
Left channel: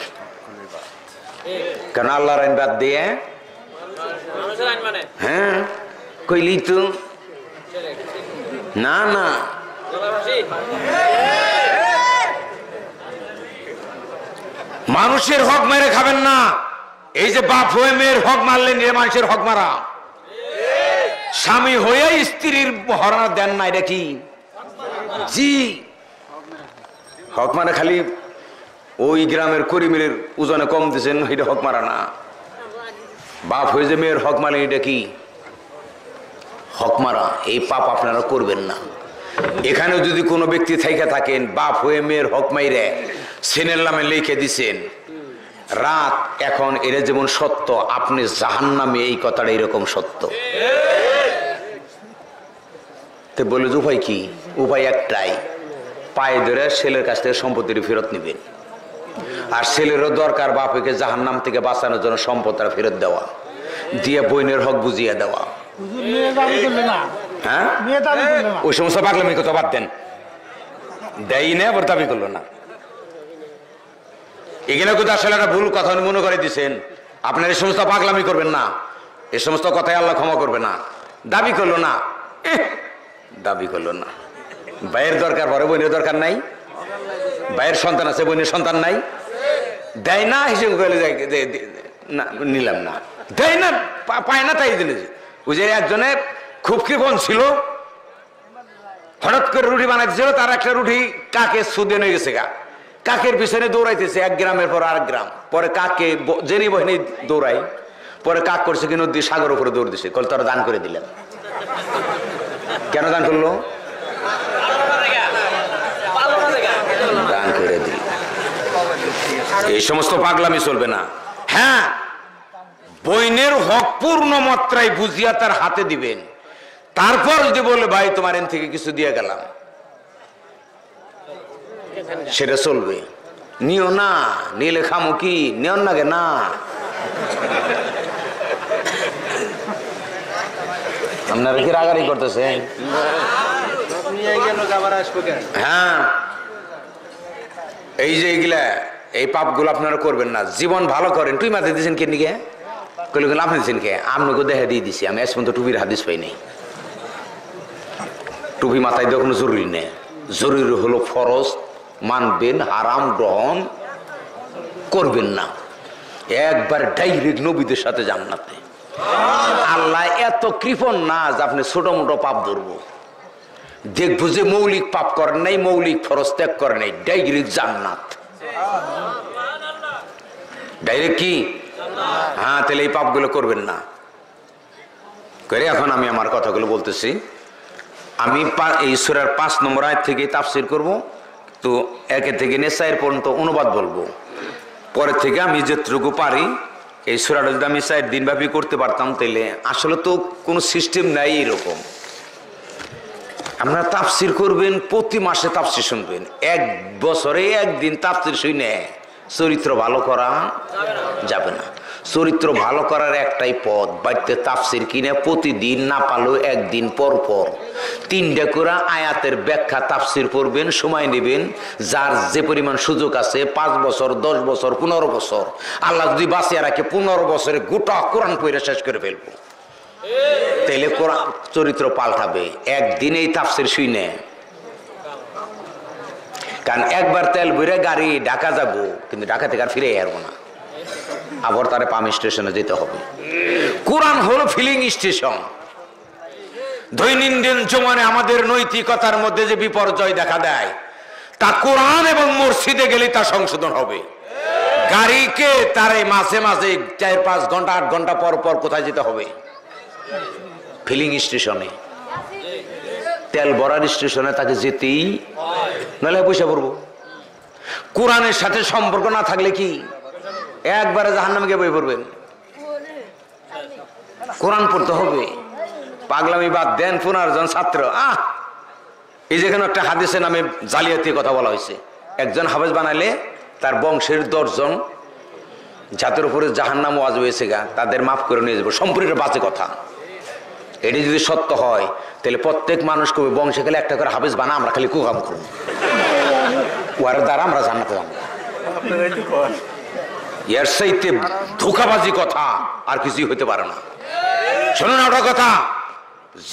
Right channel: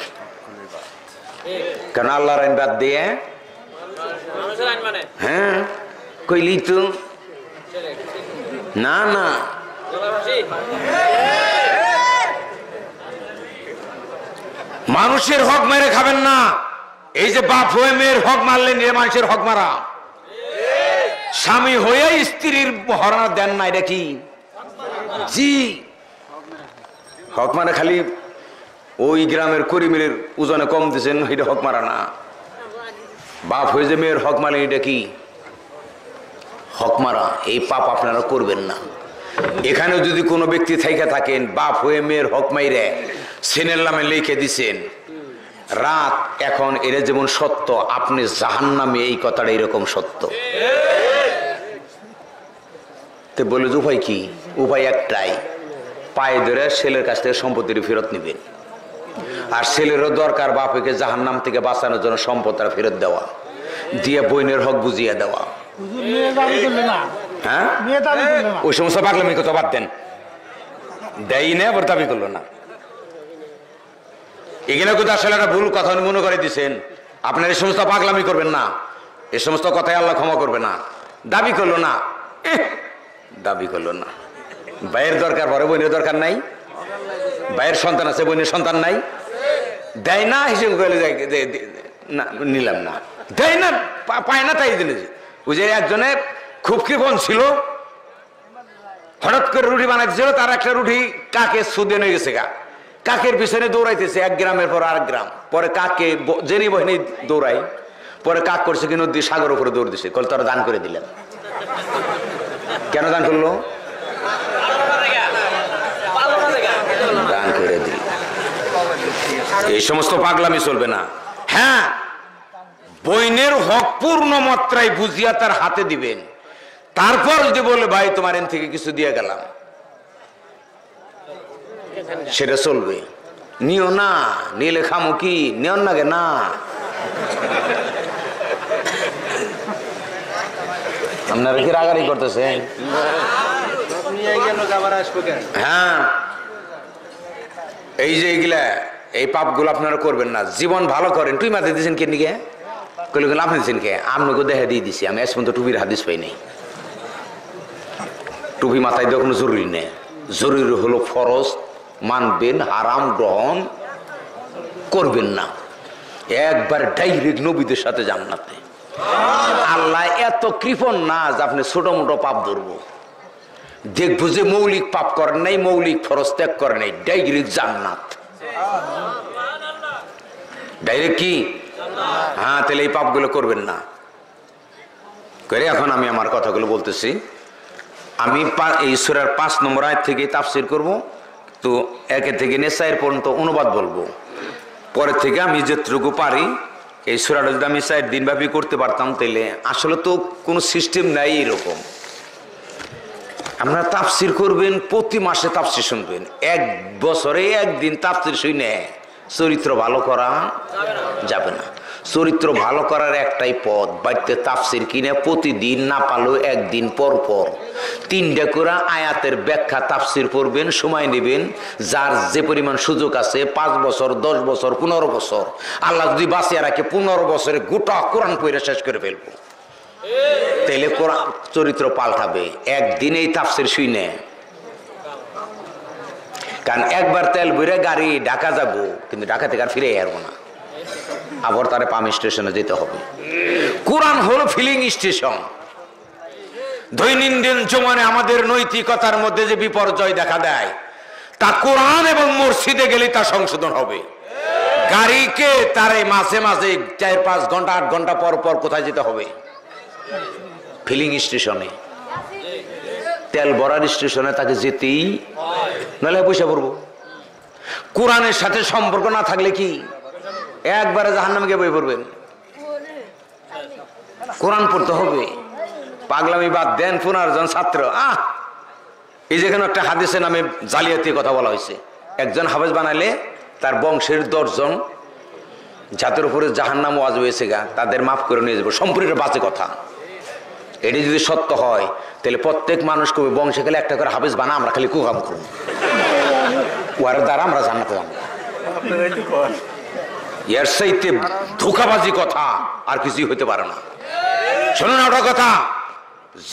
কারণ আল্লাহর আইন বাদ দিয়ে হ্যাঁ কইলি তো না না। মানুষের হক মেরে খাবেন না। এই যে বাপ হয়ে মেয়ের হক মারলেন, এ মানুষের হক মারা। স্বামী হয়ে স্ত্রীর হরানা দেন না, এটা কি? জি, হক মারা। খালি ওই গ্রামের করিমের ওজনে কম দিয়েছেন, এটা হক মারা না। বাপ হয়ে যে মেয়ের হক মারলেন, এটা কি? হক মারা। এই পাপ আপনারা করবেন না। এখানে যদি কোনো ব্যক্তি থাইকা থাকেন বাপ হয়ে মেয়ের হক মাইরে সেনের নামে লিখে দিছেন রাত, এখন এরা যেমন সত্য, আপনি জাহান্নামে, এই কথাটা এরকম সত্য। তো বলে যে উপায় কি? উপায় একটাই, পায়ে ধরে ছেলের কাছ থেকে সম্পত্তির ফেরত নিবেন। আর ছেলেরও দরকার বাপকে জাহান্নাম থেকে বাঁচানোর জন্য সম্পদটা ফেরত দেওয়া, দিয়ে বোনের হক বুঝিয়ে দেওয়া। হ্যাঁ, ওই সমস্ত পাগলামি কথা বাদ দেন। দেয় না, আবার দাবি করলো না। এখানে কিন্তু আসলে একটা ভুল কথা মনে করে দিচ্ছেন। আপনার এই সমস্ত পাগলামি করবেন না, এই সমস্ত কথাই আল্লাহ ক্ষমা করবে না। দাবি করলো না, দাবি করলো না। ভাইয়ের দরকার পরে বোনের দরকার নাই, ভাইয়ের সন্তান আছে বোনের সন্তান নাই, দেয় না হিসেবে নিলাম না, দেয় না, পায় না। তাই দিলে ওই যে একজনে খুব কৃপণ ছিল, হঠাৎ করে রুটি বানাইতেছিল, তার একটা রুটি কাকে সুদে নিয়ে গেছে গা। কাকের পিছনে দৌড়াইতেছে এক গ্রামের পর আরেক গ্রাম, পরে কাকে জেনি বহিনী দৌড়াই, পরে কাক করছে কি নদী সাগর উপরে দৌড় দিছে। কল তারা দান করে দিলেন। কেন দান করলো? দান করে দিল। এই সমস্ত পাগলামি চলবে না। হ্যাঁ, বইনের হক পূর্ণ মাত্রায় বুঝিয়া তার হাতে দিবেন। তারপর যদি বলে ভাই তোমার এন থেকে কিছু দিয়ে গেলাম, সেটা চলবে। নিও না, নিলে খামো কি? নিয়ন নাগে না। আপনারা কি রাগারি করতেছেন? হ্যাঁ, এই যে এগুলা এই পাপগুলো আপনারা করবেন না। জীবন ভালো করেন। তুই মাথায় দিয়েছেন কে নিকে? কইলে গেলে আপনি দিচ্ছেন কে? আপনাকে দেখা দিয়ে দিছি আমি। আজ পর্যন্ত টুপির হাদিস পাই নাই। টুপি মাথায় দেওয়া কোনো জরুরি নেই। জরুরি হলো ফরজ মানবেন, হারাম গ্রহণ করবেন না। একবার ডাইরেক্ট নবীদের সাথে জান্নাতে। আল্লাহ এত কৃপণ না যে আপনি ছোট মোটো পাপ ধরবো। দেখবো যে মৌলিক পাপ করেন নাই, মৌলিক ফরজ ত্যাগ করেন নাই, ডাইরেক্ট জান্নাত। ডাইরেক্ট কি? হ্যাঁ, তাহলে এই পাপগুলো করবেন না করে। এখন আমি আমার কথাগুলো বলতেছি। আমি এই সূরার 5 নম্বর আয়াত থেকে তাফসীর করব। তো 1 থেকে নিয়ে 4 পর্যন্ত অনুবাদ বলবো। পরে থেকে আমি যতটুকু পারি এই সূরাটা যদি আমি 4 দিন ব্যাপী করতে পারতাম, তাহলে আসলে তো কোনো সিস্টেম নাই এরকম। আপনারা তাফসীর করবেন, প্রতি মাসে তাফসীর শুনবেন। 1 বছরে 1 দিন তাফসীর শুনে চরিত্র ভালো করা যাবে না। চরিত্র ভালো করার একটাই পথ, বাড়িতে তাফসীর কিনে প্রতিদিন, না পারলেও 1 দিন পর পর 3টা করে আয়াতের ব্যাখ্যা তাফসীর পড়বেন, সময় নেবেন। যার যে পরিমাণ সুযোগ আছে, 5 বছর, 10 বছর, 15 বছর, আল্লাহ যদি বাঁচিয়ে রাখে 15 বছরে গোটা কোরআন পড়ে শেষ করে ফেলবো। তাইলে কোরআন চরিত্র পাল্টাবে একদিনেই তাফসীর শুনে। কারণ একবার তেল ভরে গাড়ি ঢাকা যাবো, কিন্তু ঢাকা থেকে আর ফিরে আসবো না, আবার তারে পাম্প স্টেশনে যেতে হবে। কোরআন হলো ফিলিং স্টেশন। দৈনন্দিন জীবনে আমাদের নৈতিকতার মধ্যে যে বিপর্যয় দেখা দেয়, তা কোরআন এবং মসজিদে গেলে তা সংশোধন হবে। গাড়িকে তারে মাঝে মাঝে 4-5 ঘন্টা 8 ঘন্টা পর পর কোথায় যেতে হবে? ফিলিং স্টেশনে, তেল ভরার স্টেশনে তাকে যেতেই, নাহলে পয়সা পড়বো। কোরআনের সাথে সম্পর্ক না থাকলে কি একবারে জাহান্নামে গিয়ে বই পড়বেন? কোরআন পড়তে হবে। পাগলামি বাদ দেন। 15 জন ছাত্র, এই যেখানে একটা হাদিসে নামে জালিয়াতি কথা বলা হয়েছে, একজন হাফেজ বানাইলে তার বংশের 10 জন যাদের উপরে জাহান্নাম ওয়াজিব হয়েছে গা, তাদের মাফ করে নিয়ে যাবো। সম্পূর্ণ বাজে কথা। এটি যদি সত্য হয় তাহলে প্রত্যেক মানুষ কবে বংশে গেলে একটা করে হাফেজ বানা, আমরা খালি কুকাম করব, ওর দ্বারা আমরা জান্নাতে যাবো। এর চাইতে ধোঁকাবাজি কথা আর কিছুই হইতে পারে না। শুনুন ওটা কথা,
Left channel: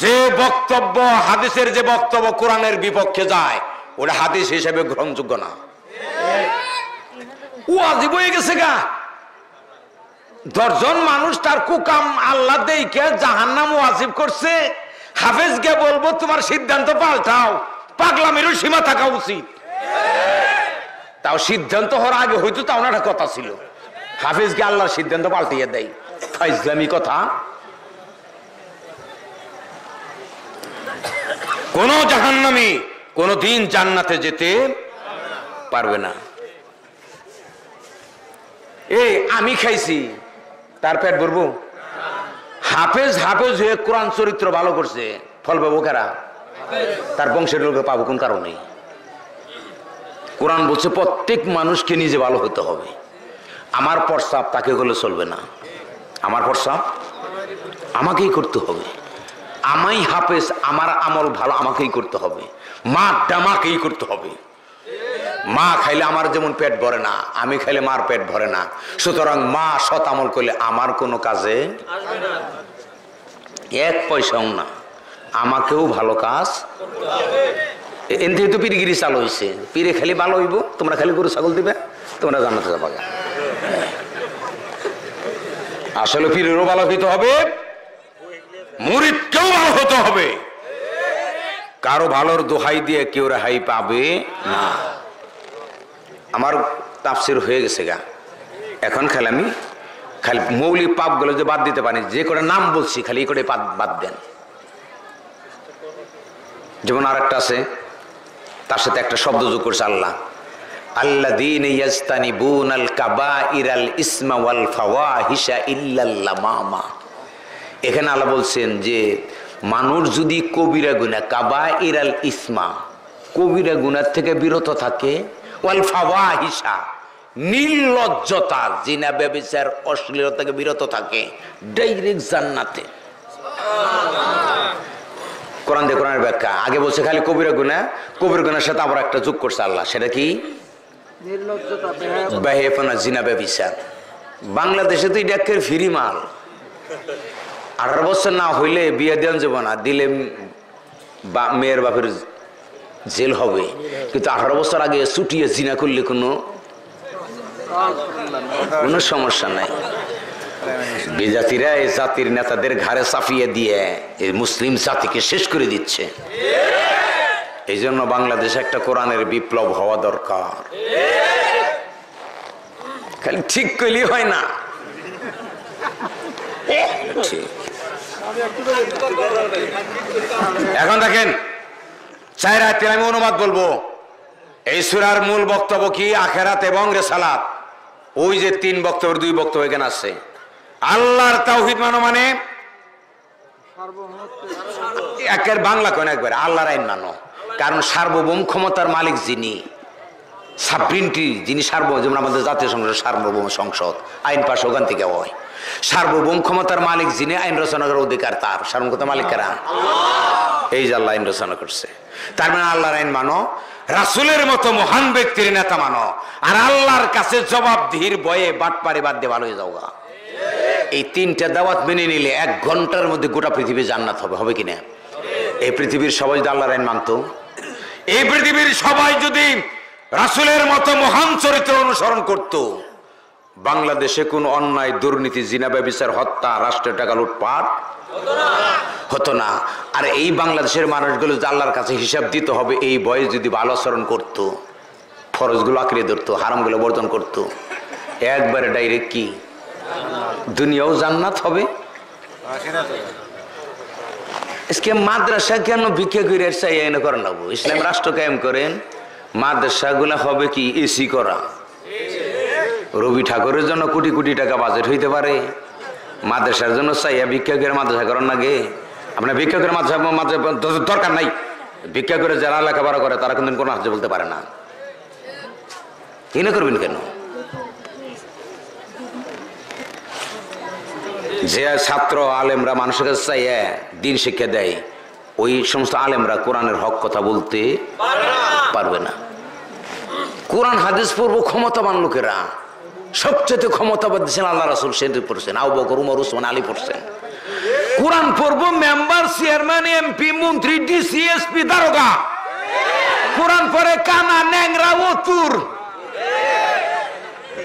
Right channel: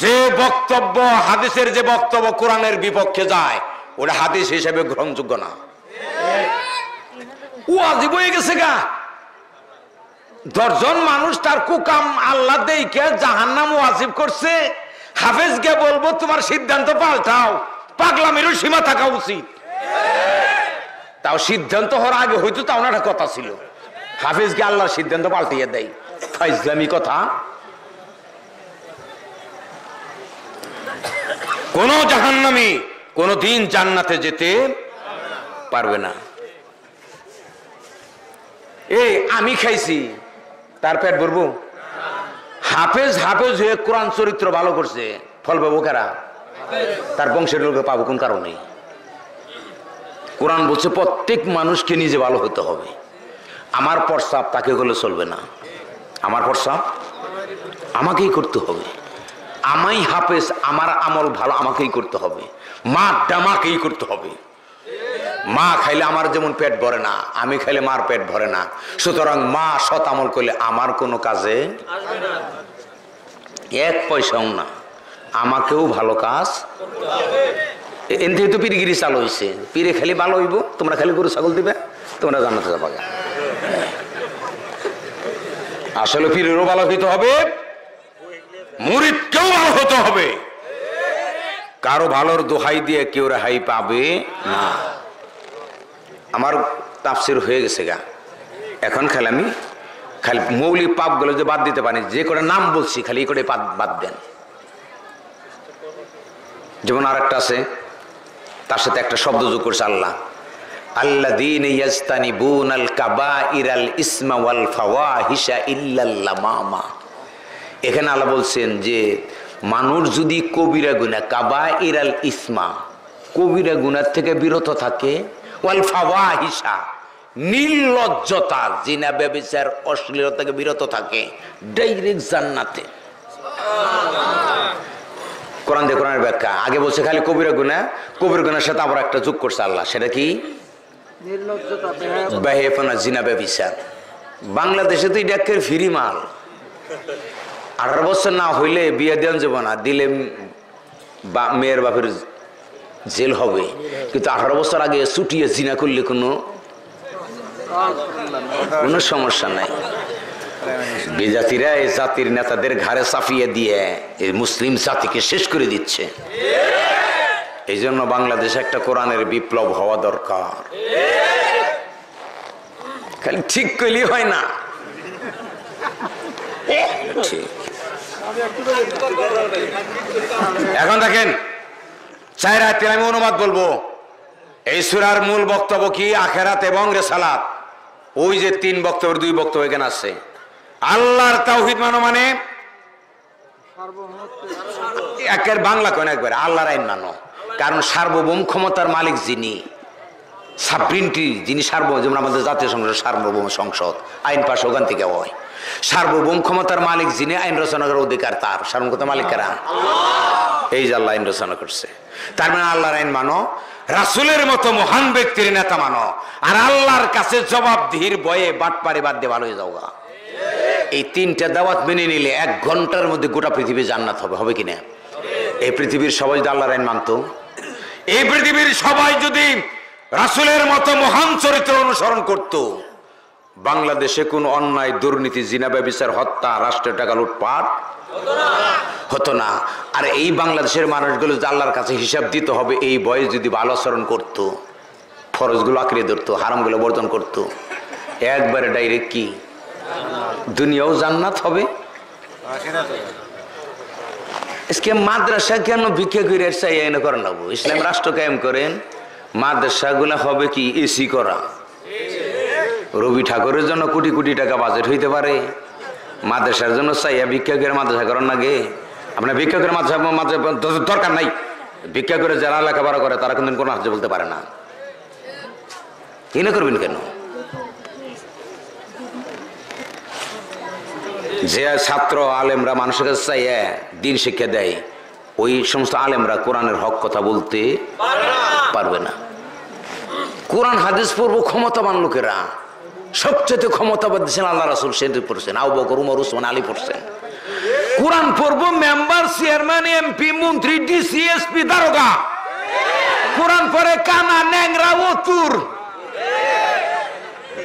যে বক্তব্য হাদিসের যে বক্তব্য কোরআনের বিপক্ষে যায়, ওটা হাদিস হিসেবে গ্রহণযোগ্য না। ওয়াজিব হয়ে গেছে গা। 10 জন মানুষ তার কুকাম আল্লাহ দেইকে জাহান্নাম ওয়াজিব করছে, হাফেজ কে বলবো তোমার সিদ্ধান্ত পাল্টাও? পাগলামিরও সীমা থাকা উচিত। তাও সিদ্ধান্ত হওয়ার আগে হয়তো তাও না একটা কথা ছিল, হাফেজকে আল্লাহর সিদ্ধান্ত পাল্টিয়ে দেয়। ফাইজলামি কথা। কোন জাহান্নামী কোনদিন জান্নাতে যেতে পারবে না। এই আমি খাইছি তার পেট ভরবো? হাফেজ হাফেজ হয়ে কোরআন চরিত্র ভালো করছে, ফল পাবো কারা? তার বংশের লোকে পাবো কোন কারণে? কোরআন বলছে প্রত্যেক মানুষকে নিজে ভালো হতে হবে। আমার প্রস্তাব তাকে গেলে চলবে না, আমার প্রস্তাব আমাকেই করতে হবে। আমাই হাফেজ, আমার আমল ভালো আমাকেই করতে হবে, মা ডামাকেই করতে হবে। মা খাইলে আমার যেমন পেট ভরে না, আমি খাইলে মার পেট ভরে না। সুতরাং মা সৎ আমল করলে আমার কোনো কাজে 1 পয়সাও না, আমাকেও ভালো কাজ। এনতে তো পিরিগিরি চালু হয়েছে, পিরে খালি ভালো হইব, তোমরা খালি গরু ছাগল দিবে, তোমরা জান্নাতে যাবা। আসলে পীরেরও ভালো হইতে হবে, মুরিদকেও ভালো হতে হবে। কারো ভালোর দোহাই দিয়ে কেউ রেহাই পাবে না। আমার তাফসীর হয়ে গেছে গা, এখন খালি আমি খালি মৌলিক পাপগুলো যে বাদ দিতে পারি, যে করে নাম বলছি খালি এই করে বাদ দেন। যেমন আর একটা আছে, তার সাথে একটা শব্দ যোগ করছে আল্লাহ, আল্লাযীনা ইয়াজতানিবুনাল কাবাইরাল ইসমা ওয়াল ফাওয়াহিশা ইল্লাল লামামা। এখানে আল্লাহ বলছেন যে মানুষ যদি কবিরা গুনাহ, কাবাইরাল ইসমা, কবিরা গুনাহ থেকে বিরত থাকে, ওয়াল ফাওয়াহিশা, নির্লজ্জতা, জিনা ব্যভিচার অশ্লীলতা থেকে বিরত থাকে, ডাইরেক্ট জান্নাতে। কোরআন দিয়ে কোরআনের ব্যাখ্যা আগে বলছে খালি কবিরা গুনাহ, কবির গুনাহের সাথে আবার একটা যোগ করছে আল্লাহ, সেটা কি? বেহেফানা, জিনা ব্যভিচার। বাংলাদেশে তো এটা একের ফ্রি মাল। 18 বছর না হইলে বিয়ে দেওয়া যাবে না, দিলে মেয়ের বাপের জেল হবে। কিন্তু 18 বছর আগে ছুটিয়ে জিনা করলে কোনো সমস্যা নাই। বেজাতিরা এই জাতির নেতাদের ঘাড়ে চাপিয়ে দিয়ে এই মুসলিম জাতিকে শেষ করে দিচ্ছে। এই জন্য বাংলাদেশে একটা কোরআনের বিপ্লব হওয়া দরকার। খালি ঠিক করলে হয় না। এখন দেখেন 4 আয়াতের আমি অনুবাদ বলবো। এই সূরার মূল বক্তব্য কি? আখিরাত এবং রিসালাত। ওই যে 3 বক্তব্যের 2 বক্তব্য এখানে আছে। আল্লাহর তাওহীদ মানো মানে একের বাংলা কোন একবার আল্লাহর আইন মানো। কারণ সার্বভৌম ক্ষমতার মালিক যিনি, সাবরিনটি যিনি সার্বভৌম, যেমন আমাদের জাতীয় সংসদ সার্বভৌম সংসদ, আইন পাশ ওখান থেকে হয়। সার্বভৌম ক্ষমতার মালিক যিনি, আইন রচনা করার অধিকার তার। সার্বভৌম ক্ষমতার মালিক কারা? এই যে আল্লাহ আইন রচনা করছে। তার মানে আল্লাহর আইন মানো, রাসূলের মতো মহান ব্যক্তির নেতা মানো, আর আল্লাহর কাছে জবাবদিহির ভয়ে বাটপারে বাদ দিয়ে ভালো হয়ে যাওয়া। এই 3টা দাওয়াত মেনে নিলে 1 ঘন্টার মধ্যে গোটা পৃথিবী জান্নাত হবে। হবে কিনা? এই পৃথিবীর সবাই যদি আল্লাহর আইন মানত, এই পৃথিবীর সবাই যদি রাসূলের মতো মহান চরিত্র অনুসরণ করত, বাংলাদেশে কোন অন্যায়, দুর্নীতি, জিনা, ব্যভিচার, হত্যা, রাষ্ট্রের টাকা লুটপাট হতো না। আর এই বাংলাদেশের মানুষগুলো যে আল্লাহর কাছে হিসাব দিতে হবে, এই বয়স যদি ভালো আচরণ করত, ফরজগুলো আঁকড়ে ধরতো, হারামগুলো বর্জন করত, একবারে ডাইরেক্ট কি দুনিয়াও জান্নাত হবে। আজকে মাদ্রাসা কেন ভিক্ষা করে চাই এনে করেন না, ইসলাম রাষ্ট্র কায়েম করেন, মাদ্রাসা গুলা হবে কি এসি করা। রবি ঠাকুরের জন্য কোটি কোটি টাকা বাজেট হইতে পারে, মাদ্রাসার জন্য চাইয়া ভিক্ষা করে মাদ্রাসা করেন না গে। আপনার ভিক্ষা করে মাদ্রাসা দরকার নাই, ভিক্ষা করে যারা লেখাপড়া করে তারা কিন্তু কোনো হাতে বলতে পারে না। এনে করবেন কেন? যে ছাত্র আলেমরা মানুষের কাছে চাইয়া দিন শিক্ষা দেয়, ওই সমস্ত আলেমরা কোরআনের হক কথা বলতে পারবে না। কোরআন হাদিস পড়বো ক্ষমতাবান লোকেরা, সবচেয়ে ক্ষমতাবান দিচ্ছেন আল্লাহ রাসূল, সেটি পড়ছেন, আবু বকর, উমর, উসমান, আলী পড়ছেন। কোরআন পড়বো মেম্বার, চেয়ারম্যান, এমপি, মন্ত্রী, ডিসি, এসপি, দারোগা। কোরআন পড়ে কানা, ন্যাংরা, অতুর,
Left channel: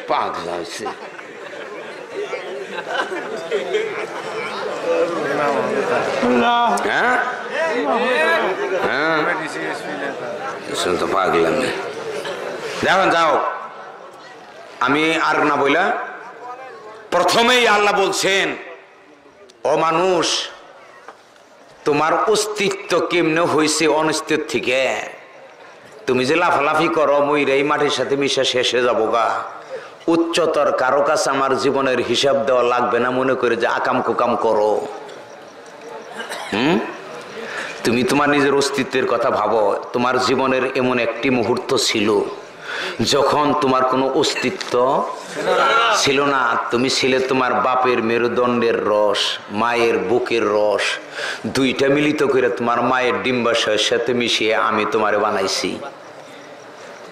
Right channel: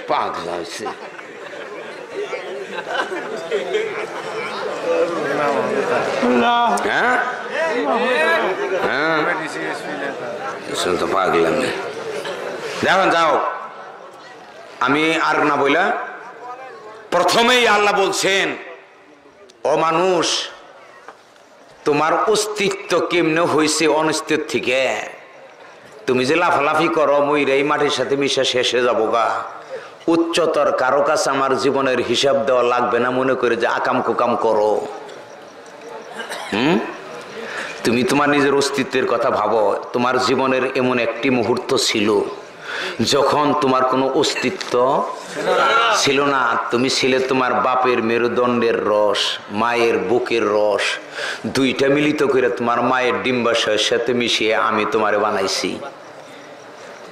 পাগলা হয়েছে। হ্যাঁ হ্যাঁ তো পাগলাম। দেখুন যাও, আমি আর না বইলা প্রথমেই আল্লাহ বলছেন, ও মানুষ, তোমার অস্তিত্ব কেমনে হয়েছে অনিস্তিত্ব থেকে। তুমি যে লাফালাফি করো, মইরাই মাটির সাথে মিশা শেষে যাবো গা। উচ্চতর কারো কাছে আমার জীবনের হিসাব দেওয়া লাগবে না মনে করে যে আকাম কুকাম করো। তুমি তোমার নিজের অস্তিত্বের কথা ভাবো। তোমার জীবনের এমন একটি মুহূর্ত ছিল যখন তোমার কোনো অস্তিত্ব ছিল না। তুমি ছিলে তোমার বাপের মেরুদণ্ডের রস, মায়ের বুকের রস, দুইটা মিলিত করে তোমার মায়ের ডিম্বাশয়ের সাথে মিশিয়ে আমি তোমারে বানাইছি।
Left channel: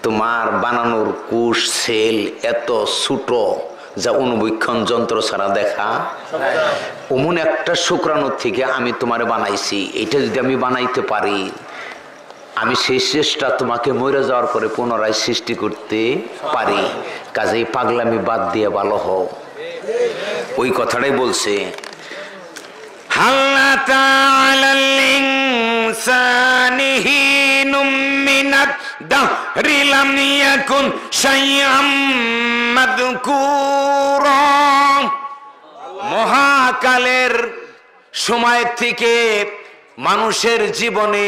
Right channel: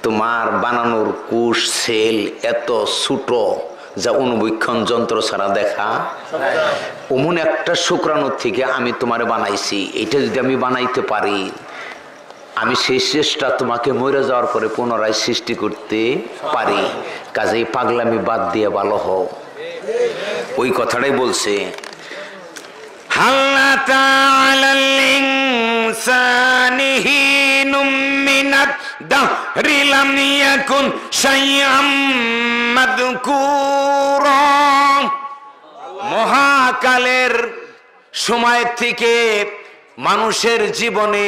তোমার বানানোর কোষ সেল এত ছোট যা অনুবীক্ষণ যন্ত্র ছাড়া দেখা। অমন একটা শুক্রাণু থেকে আমি তোমারে বানাইছি। এটা যদি আমি বানাইতে পারি, আমি সেই চেষ্টা তোমাকে মরে যাওয়ার পরে পুনরায় সৃষ্টি করতে পারি। কাজেই পাগলামি বাদ দিয়ে ভালো হও। ওই কথাটাই বলছে, হাল্লাতা আলাল ইনসানি হিনুম মিনাদ দাহরি লাম ইয়াকুন শাইআম মাযকুরা। মহাকালের সময় থেকে মানুষের জীবনে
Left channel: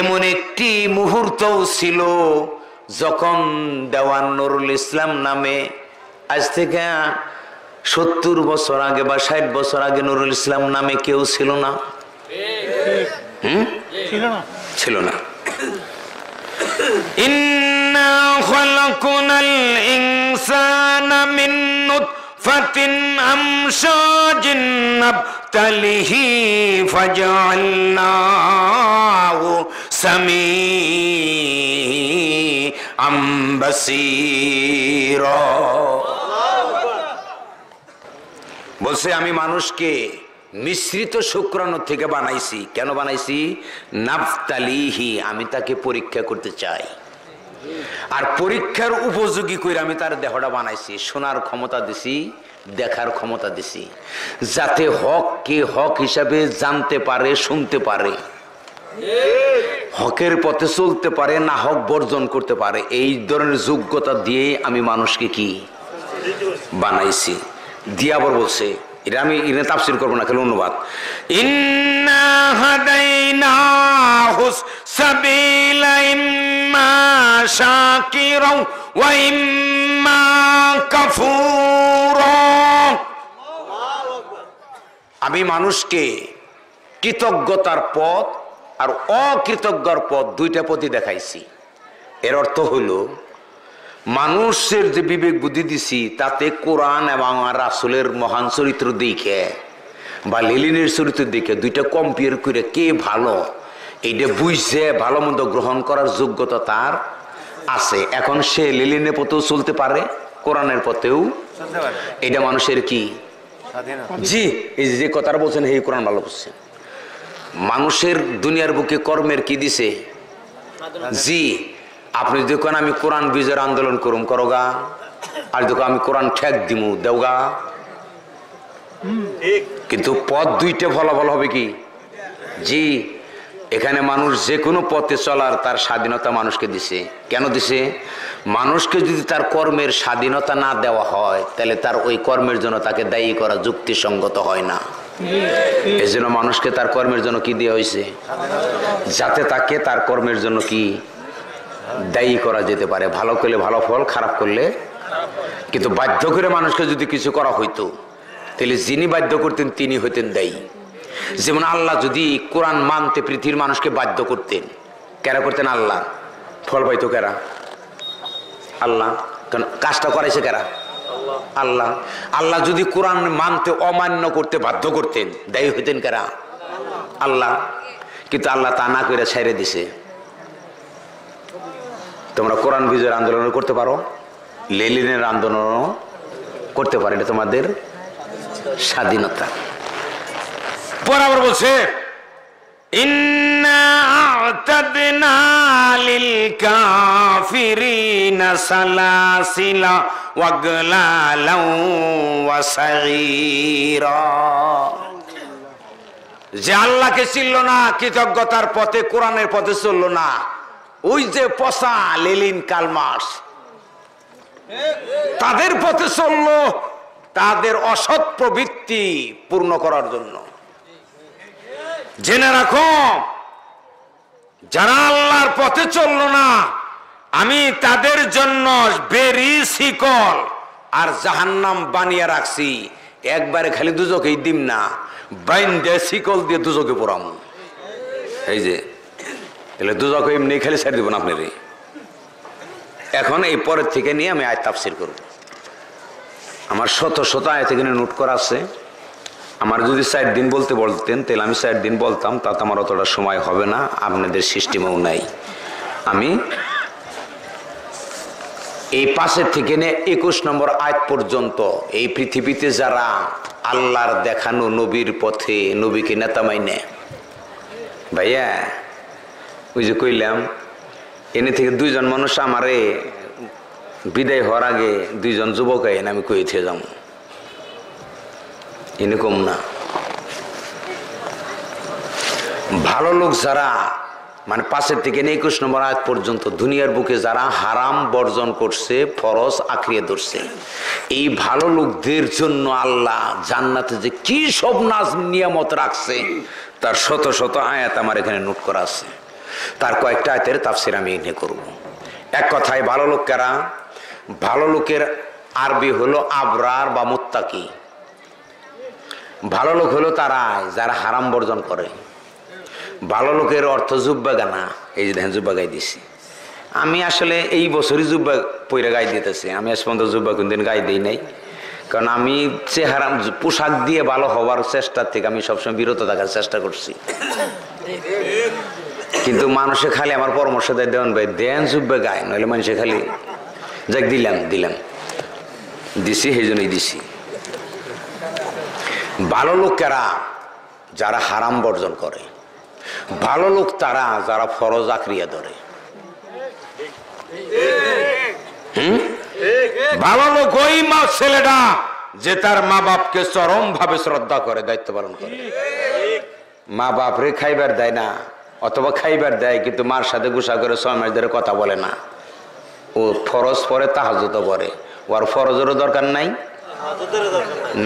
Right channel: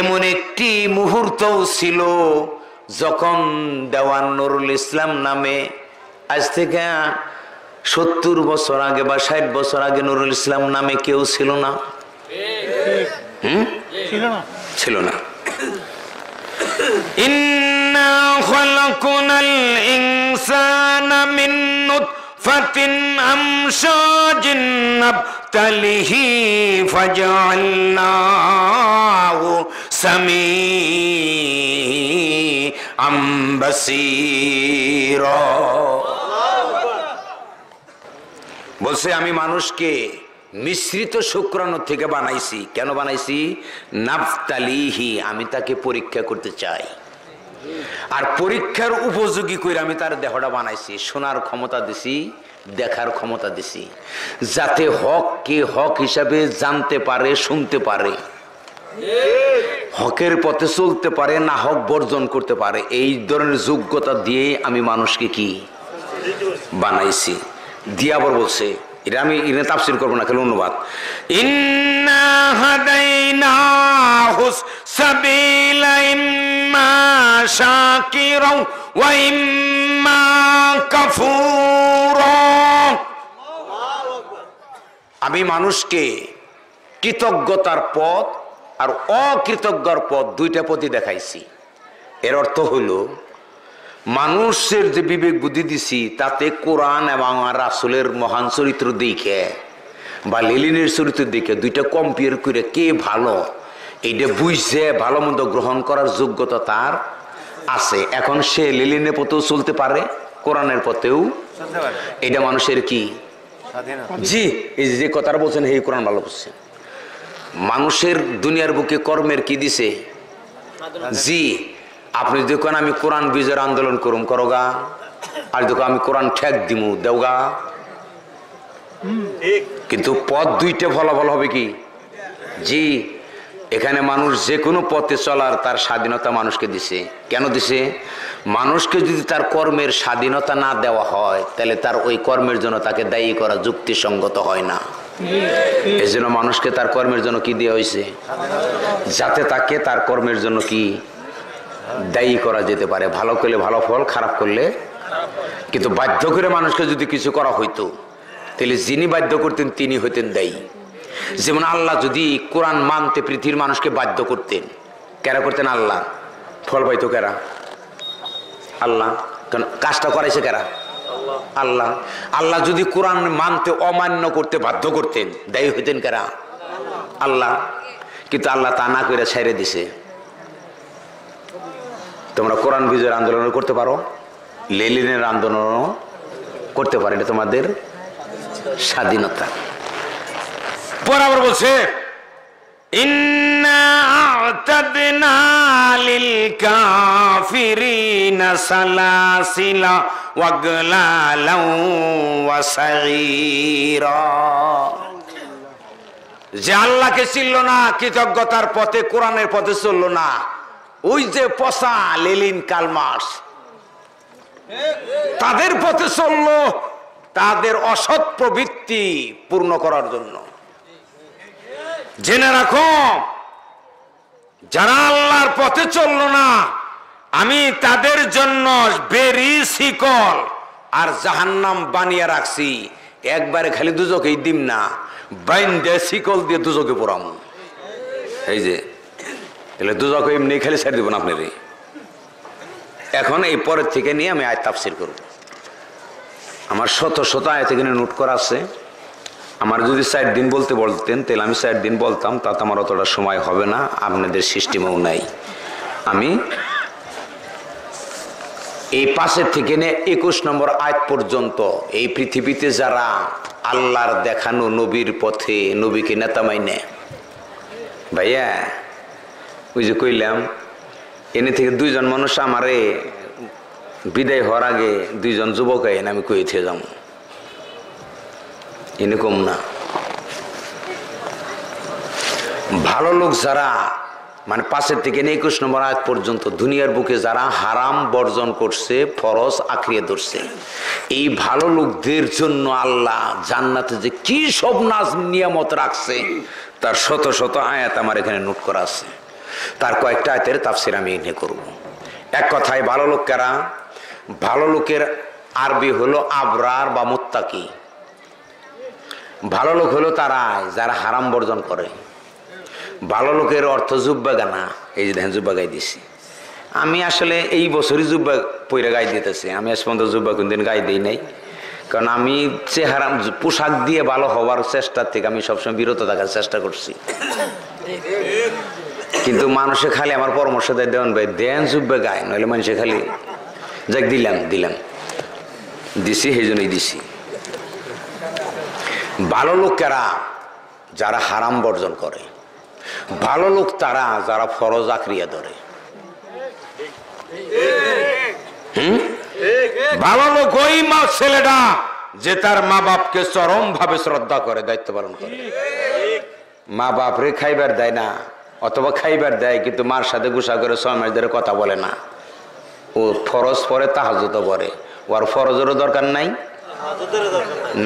এমন একটি মুহূর্তও ছিল যখন দেওয়ান নুরুল ইসলাম নামে, আজ থেকে 70 বছর আগে বা 60 বছর আগে নুরুল ইসলাম নামে কেউ ছিল না। ছিল না। ইন্না খালাকনাল ইনসানা মিন নুতফাতিন আমশাজিন নাবতালিহি ফাজআলনাহু সামিআম বাসীরা। বলছে আমি মানুষকে মিশ্রিত শুক্রাণু থেকে বানাইছি। কেন বানাইছি? নাফতালিহি, আমি তাকে পরীক্ষা করতে চাই। আর পরীক্ষার উপযোগী করে আমি তার দেহটা বানাইছি। শোনার ক্ষমতা দিছি, দেখার ক্ষমতা দিছি, যাতে হককে হক হিসাবে জানতে পারে, শুনতে পারে, হকের পথে চলতে পারে, না হক বর্জন করতে পারে। এই ধরনের যোগ্যতা দিয়ে আমি মানুষকে কি বানাইছি। দিয়া আবার বলছে, এটা আমি এটা তাফসীর করবো না, খালি অনুবাদ। ইন্না হাদাইনাহুস সাবিলা ইম্মা শাকিরাও ওয়া ইম্মা কাফুরা। আমি মানুষকে কৃতজ্ঞতার পথ আর অকৃতজ্ঞর পথ, দুইটা পথই দেখাইছি। এর অর্থ হলো মানুষের যে বিবেক বুদ্ধি দিছি তাতে কোরআন এবং রাসূলের মহান চরিত্র দেখে বা লেলিনের চরিত্র দেখে দুইটা কম্পেয়ার করে কে ভালো এইটা বুঝছে ভালো মন্দ গ্রহণ করার যোগ্যতা তার আছে। এখন সে লেলিনের পথেও চলতে পারে, কোরআনের পথেও। এটা মানুষের কি জি, এই যে কথাটা বলছেন এই কোরআন ভালো বুঝছে। মানুষের দুনিয়ার বুকে কর্মের কি দিছে জি। আপনি দেখুন আমি কোরআন বিজয়ের আন্দোলন করুম করোগা, আর দেখো আমি কোরআন ঠেক দিমু দেওগা, কিন্তু পথ দুইটা ফলাফল হবে কি জি। এখানে মানুষ যে কোনো পথে চলার তার স্বাধীনতা মানুষকে দিছে। কেন দিছে? মানুষকে যদি তার কর্মের স্বাধীনতা না দেওয়া হয় তাহলে তার ওই কর্মের জন্য তাকে দায়ী করা যুক্তিসঙ্গত হয় না। এই জন্য মানুষকে তার কর্মের জন্য কি দেওয়া হয়েছে? যাতে তাকে তার কর্মের জন্য কি দায়ী করা যেতে পারে, ভালো করলে ভালো ফল, খারাপ করলে। কিন্তু বাধ্য করে মানুষকে যদি কিছু করা হইতো তাহলে যিনি বাধ্য করতেন তিনি হইতেন দায়ী। যেমন আল্লাহ যদি কোরআন মানতে পৃথিবীর মানুষকে বাধ্য করতেন, কেরা করতেন? আল্লাহ। ফল পাইতো কেরা? আল্লাহ। কারণ কাজটা করাইছে কেরা? আল্লাহ। আল্লাহ যদি কোরআন মানতে অমান্য করতে বাধ্য করতেন, দায়ী হইতেন কেরা? আল্লাহ। কিন্তু আল্লাহ তা না করে ছেড়ে দিছে। তোমরা কোরআন বিজয়ের আন্দোলন করতে পারো, লেলিনের আন্দোলন করতে পারো, এটা তোমাদের স্বাধীনতা। বরাবর বলছে ইন্না আ'তাদনা লিল কাফিরিনা সালাসিলা ওয়াগলালাও ওয়া সাগীরা। যে আল্লাহকে চিনল না, কৃতজ্ঞতার পথে কোরআনের পথে চলল না, ওই যে পচা লেলিন কালমার্কস তাদের পথে চলল তাদের অসৎ প্রবৃত্তি পূর্ণ করার জন্য। জেনে রাখো, যারা আল্লাহর পথে চলল না, আমি তাদের জন্য বেরি শিকল আর জাহান্নাম বানিয়ে রাখছি। একবারে খালি দুজকেই দিম না, বাইন্দে শিকল দিয়ে দুজকে পড়াম। এই যে তাহলে দুজকে এমনি খালি ছেড়ে দিব না আপনার। এখন এই পরের থেকে নিয়ে আমি আয়াত তাফসীর করব। আমার শত শত আয়াত এখানে নোট করা আছে। আমার যদি 4 দিন বলতে বলতেন তাহলে আমি 4 দিন বলতাম, তাতে আমার অতটা সময় হবে না, আপনাদের সিস্টেমেও নাই। আমি এই 5 থেকে নিয়ে 21 নম্বর আয়াত পর্যন্ত এই পৃথিবীতে যারা আল্লাহর দেখানো নবীর পথে নবীকে নেতা মাইনে, ভাইয়া ওই যে কইলাম এনে থেকে 2 জন মানুষ আমারে বিদায় হওয়ার আগে 2 জন যুবক আইন আমি কই থেকে যাবো, এনে কম না। ভালো লোক যারা মানে 5 থেকে 21 নম্বর আয়াত পর্যন্ত দুনিয়ার বুকে যারা হারাম বর্জন করছে, ফরজ আঁকড়িয়ে ধরছে, এই ভালো লোকদের জন্য আল্লাহ জান্নাতে যে কি সব নাজ নিয়ামত রাখছে তার শত শত আয়াত আমার এখানে নোট করা আছে। তার কয়েকটা আয়াতের তাফসীর আমি এখানে করব। এক কথায় ভালো লোক কারা? ভালো লোকের আরবি হলো আবরার বা মুত্তাকি। ভালো লোক হলো তারা যারা হারাম বর্জন করে। ভালো লোকের অর্থ জুব্বা গানা। এই যে দেখেন জুব্বা গাই দিছি আমি, আসলে এই বছরই জুব্বা পইরা গাই দিতেছি। আমি আজ পর্যন্ত জুব্বা কোনদিন গাই দিই নাই, কারণ আমি চেহারা পোশাক দিয়ে ভালো হওয়ার চেষ্টার থেকে আমি সবসময় বিরত থাকার চেষ্টা করছি। কিন্তু মানুষে খালি আমার পরামর্শ দেয়, দেন ভাই দেন জুব্বা গায়, নইলে মানুষে খালি যাক দিলাম দিছি, সেই জন্যই দিছি। ভালো লোকেরা যারা হারাম বর্জন করে, ভালো লোক তারা যারা ফরজ আঁকড়িয়ে ধরে। ভালো লোক ওই ছেলেটা যে তার মা বাপকে চরম ভাবে শ্রদ্ধা করে, দায়িত্ব পালন করে। মা বাপ রে খাইবার দেয় না, অথবা খাইবার দেয় কিন্তু মার সাথে গুসা করে 6 মাস ধরে কথা বলে না। ও ফরজ পরে তাহাজ্জুদ পড়ে, ওর ফরজেরও দরকার নাই।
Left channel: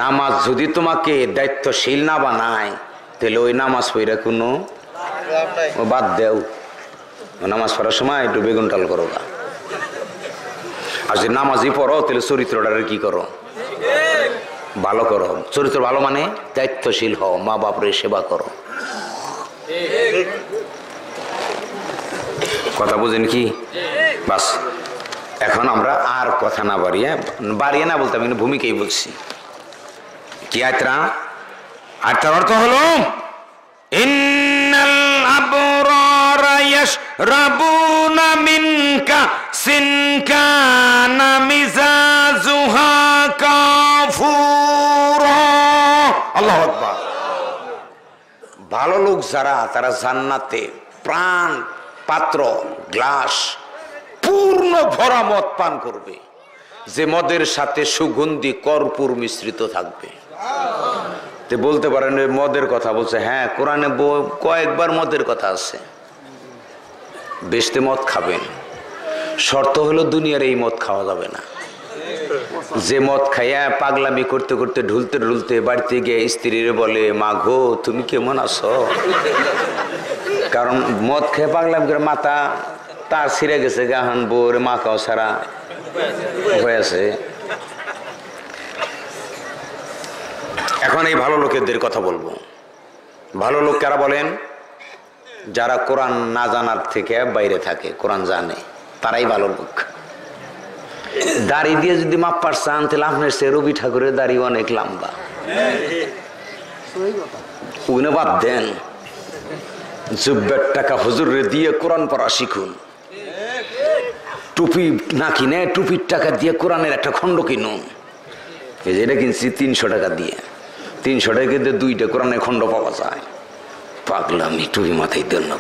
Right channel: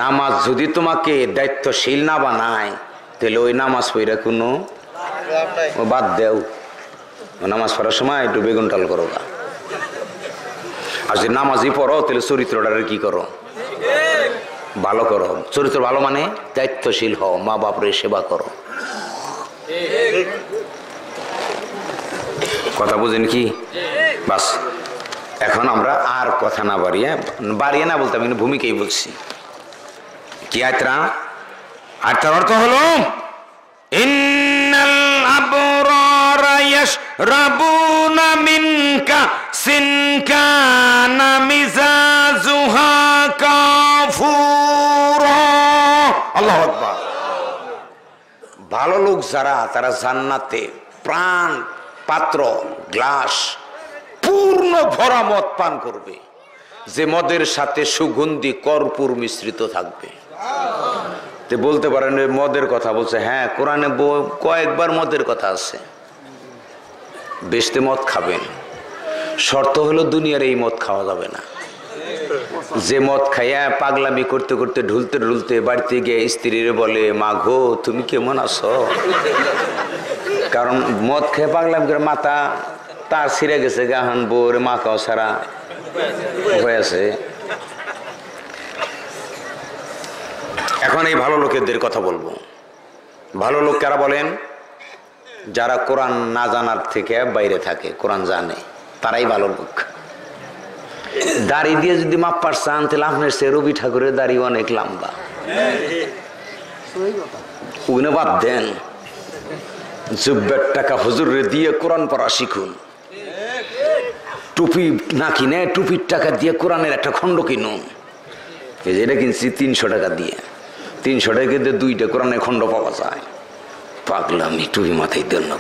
নামাজ যদি তোমাকে দায়িত্বশীল না বানায় তাহলে ওই নামাজ পড়া কোনো বাদ দেও। নামাজ পড়ার সময় একটু বেগুন টাল করো গা। আর যদি নামাজই পড়ো তাহলে চরিত্রটারে কি করো? ভালো করো। চরিত্র ভালো মানে দায়িত্বশীল হও, মা বাপরে সেবা করো। কথা বুঝেন কি? বাস এখন আমরা আর কথা না বাড়িয়ে না বলতে আমি ভূমিকাই বলছি। কি আয়াতটা? আয়াতটার অর্থ হলো ইন্নাল আবরারা ইয়াশরাবুনা মিন কাসিন কানা মিজাজুহা কাফুরা। আল্লাহু আকবার। ভালো লোক যারা তারা জান্নাতে প্রাণ পাত্র গ্লাস পূর্ণ ভরা মদ পান করবে, যে মদের সাথে সুগন্ধি কর্পূর মিশ্রিত থাকবে। তে বলতে পারেন ওই মদের কথা বলছে, হ্যাঁ কোরআনে কয়েকবার মদের কথা আছে। বেশতে মদ খাবেন, শর্ত হলো দুনিয়ার এই মদ খাওয়া যাবে না। যে মদ খাইয়া পাগলামি করতে করতে ঢুলতে ঢুলতে বাড়িতে গিয়ে স্ত্রীর বলে, মা গো তুমি কেমন আছো, কারণ মদ খেয়ে পাগলামি করে মাথা তার ছিঁড়ে গেছে, গাহান বোর মা খাও সারা হয়ে আছে। এখন এই ভালো লোকেদের কথা বলবো। ভালো লোক কারা বলেন? যারা কোরআন না জানার থেকে বাইরে থাকে, কোরআন জানে, তারাই ভালো লোক। দাড়ি দিয়ে যদি মাপ চান তাহলে আপনার সে রবি ঠাকুরের দাড়ি অনেক লম্বা, ওগুলো বাদ দেন। জুব্বের টাকা হুজুরে দিয়ে কোরআন পড়া শিখুন। টুপি না কিনে টুপির টাকা দিয়ে কোরআনের একটা খণ্ড কিনুন। এই যে এটা কিনছি 300 টাকা দিয়ে, 300 টাকা দিয়ে 2টা কোরআনের খণ্ড পাওয়া যায়। পাগলামি, টুপি মাথায় দেন না।